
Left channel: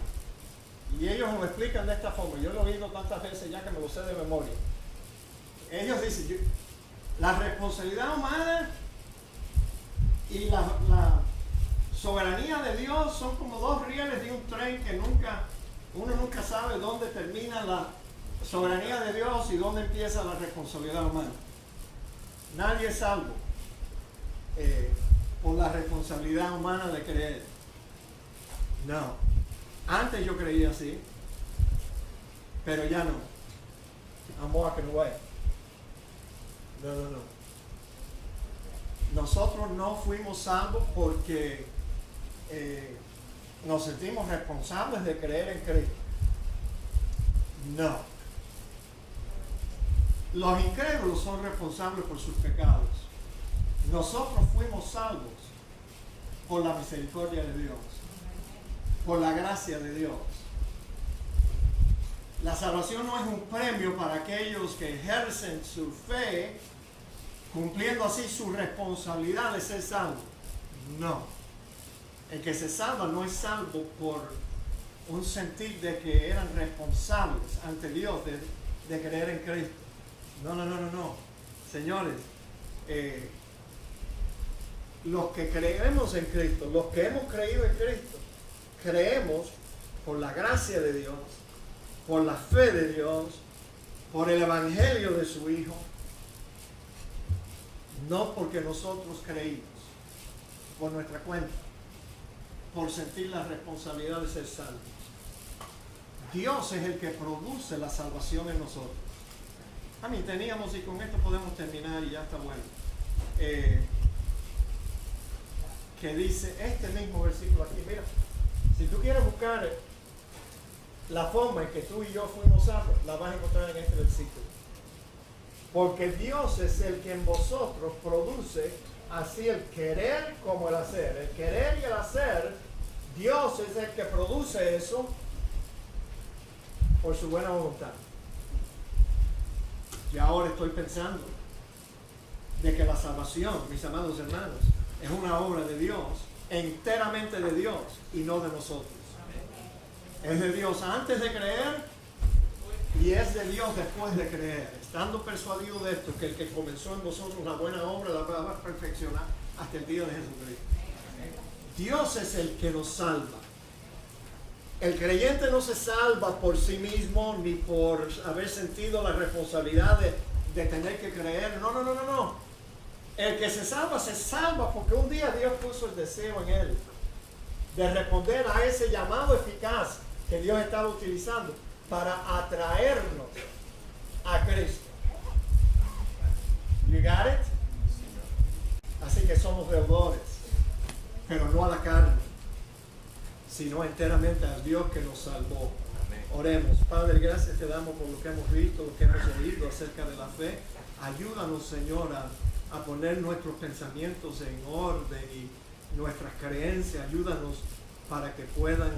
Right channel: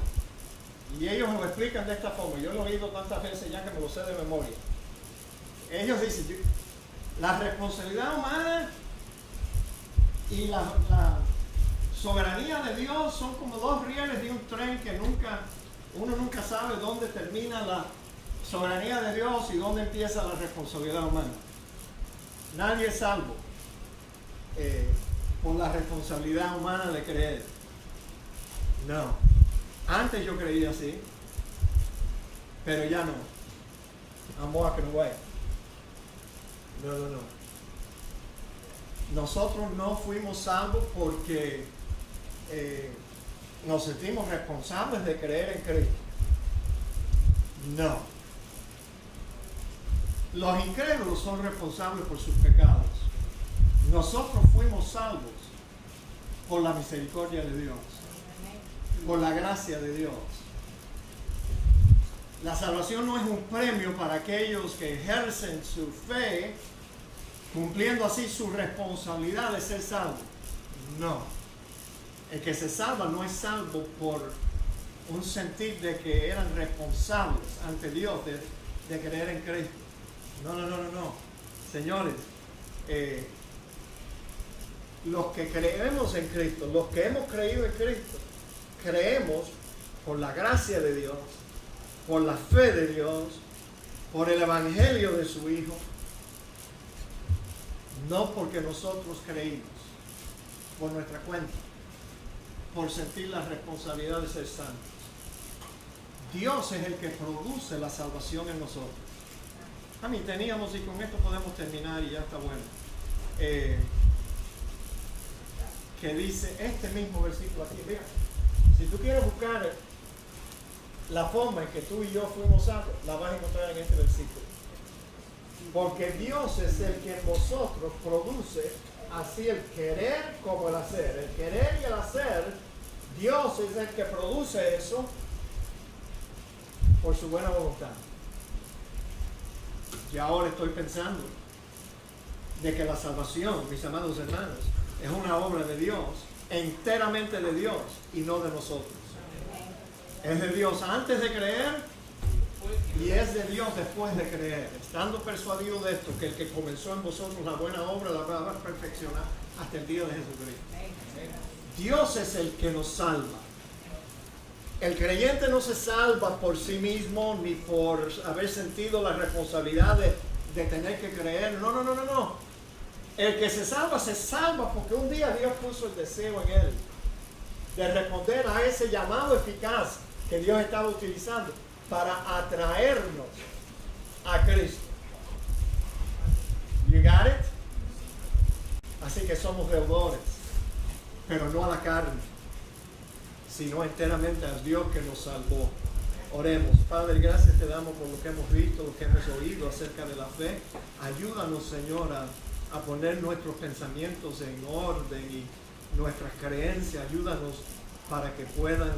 Y ellos lo explican de esta forma. Yo lo he oído tantas veces ya que me lo sé de memoria. Ellos dicen: la responsabilidad humana y la soberanía de Dios son como dos rieles de un tren que uno nunca sabe dónde termina la soberanía de Dios y dónde empieza la responsabilidad humana. Nadie es salvo por la responsabilidad humana de creer. No. Antes yo creía así, pero ya no. I'm walking away. No, no, no. Nosotros no fuimos salvos porque nos sentimos responsables de creer en Cristo. No. Los incrédulos son responsables por sus pecados. Nosotros fuimos salvos por la misericordia de Dios, por la gracia de Dios. La salvación no es un premio para aquellos que ejercen su fe, cumpliendo así su responsabilidad de ser salvo. No. El que se salva no es salvo por un sentir de que eran responsables ante Dios de creer en Cristo. No, no, no, no, no. Señores, los que creemos en Cristo, los que hemos creído en Cristo, creemos por la gracia de Dios, por la fe de Dios, por el evangelio de su Hijo, no porque nosotros creímos, por nuestra cuenta, por sentir la responsabilidad de ser santos. Dios es el que produce la salvación en nosotros. A mí teníamos, y con esto podemos terminar y ya está bueno, que dice este mismo versículo aquí. Mira, si tú quieres buscar la forma en que tú y yo fuimos salvos, la vas a encontrar en este versículo. Porque Dios es el que en vosotros produce así el querer como el hacer. El querer y el hacer, Dios es el que produce eso por su buena voluntad. Y ahora estoy pensando de que la salvación, mis amados hermanos, Es una obra de Dios, enteramente de Dios y no de nosotros. Es de Dios antes de creer y es de Dios después de creer. Estando persuadido de esto, que el que comenzó en vosotros la buena obra la va a perfeccionar hasta el día de Jesucristo. Dios es el que nos salva. El creyente no se salva por sí mismo ni por haber sentido la responsabilidad de tener que creer. No. El que se salva porque un día Dios puso el deseo en él de responder a ese llamado eficaz que Dios estaba utilizando para atraernos a Cristo. You got it? Así que somos deudores, pero no a la carne, sino enteramente a Dios que nos salvó. Oremos. Padre, gracias te damos por lo que hemos visto, lo que hemos oído acerca de la fe. Ayúdanos, Señor, a poner nuestros pensamientos en orden y nuestras creencias. Ayúdanos para que puedan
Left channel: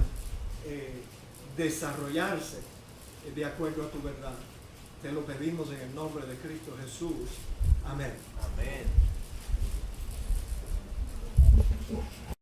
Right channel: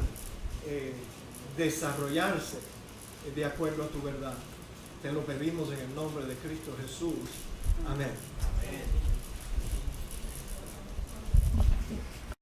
desarrollarse de acuerdo a tu verdad. Te lo pedimos en el nombre de Cristo Jesús. Amén. Amén.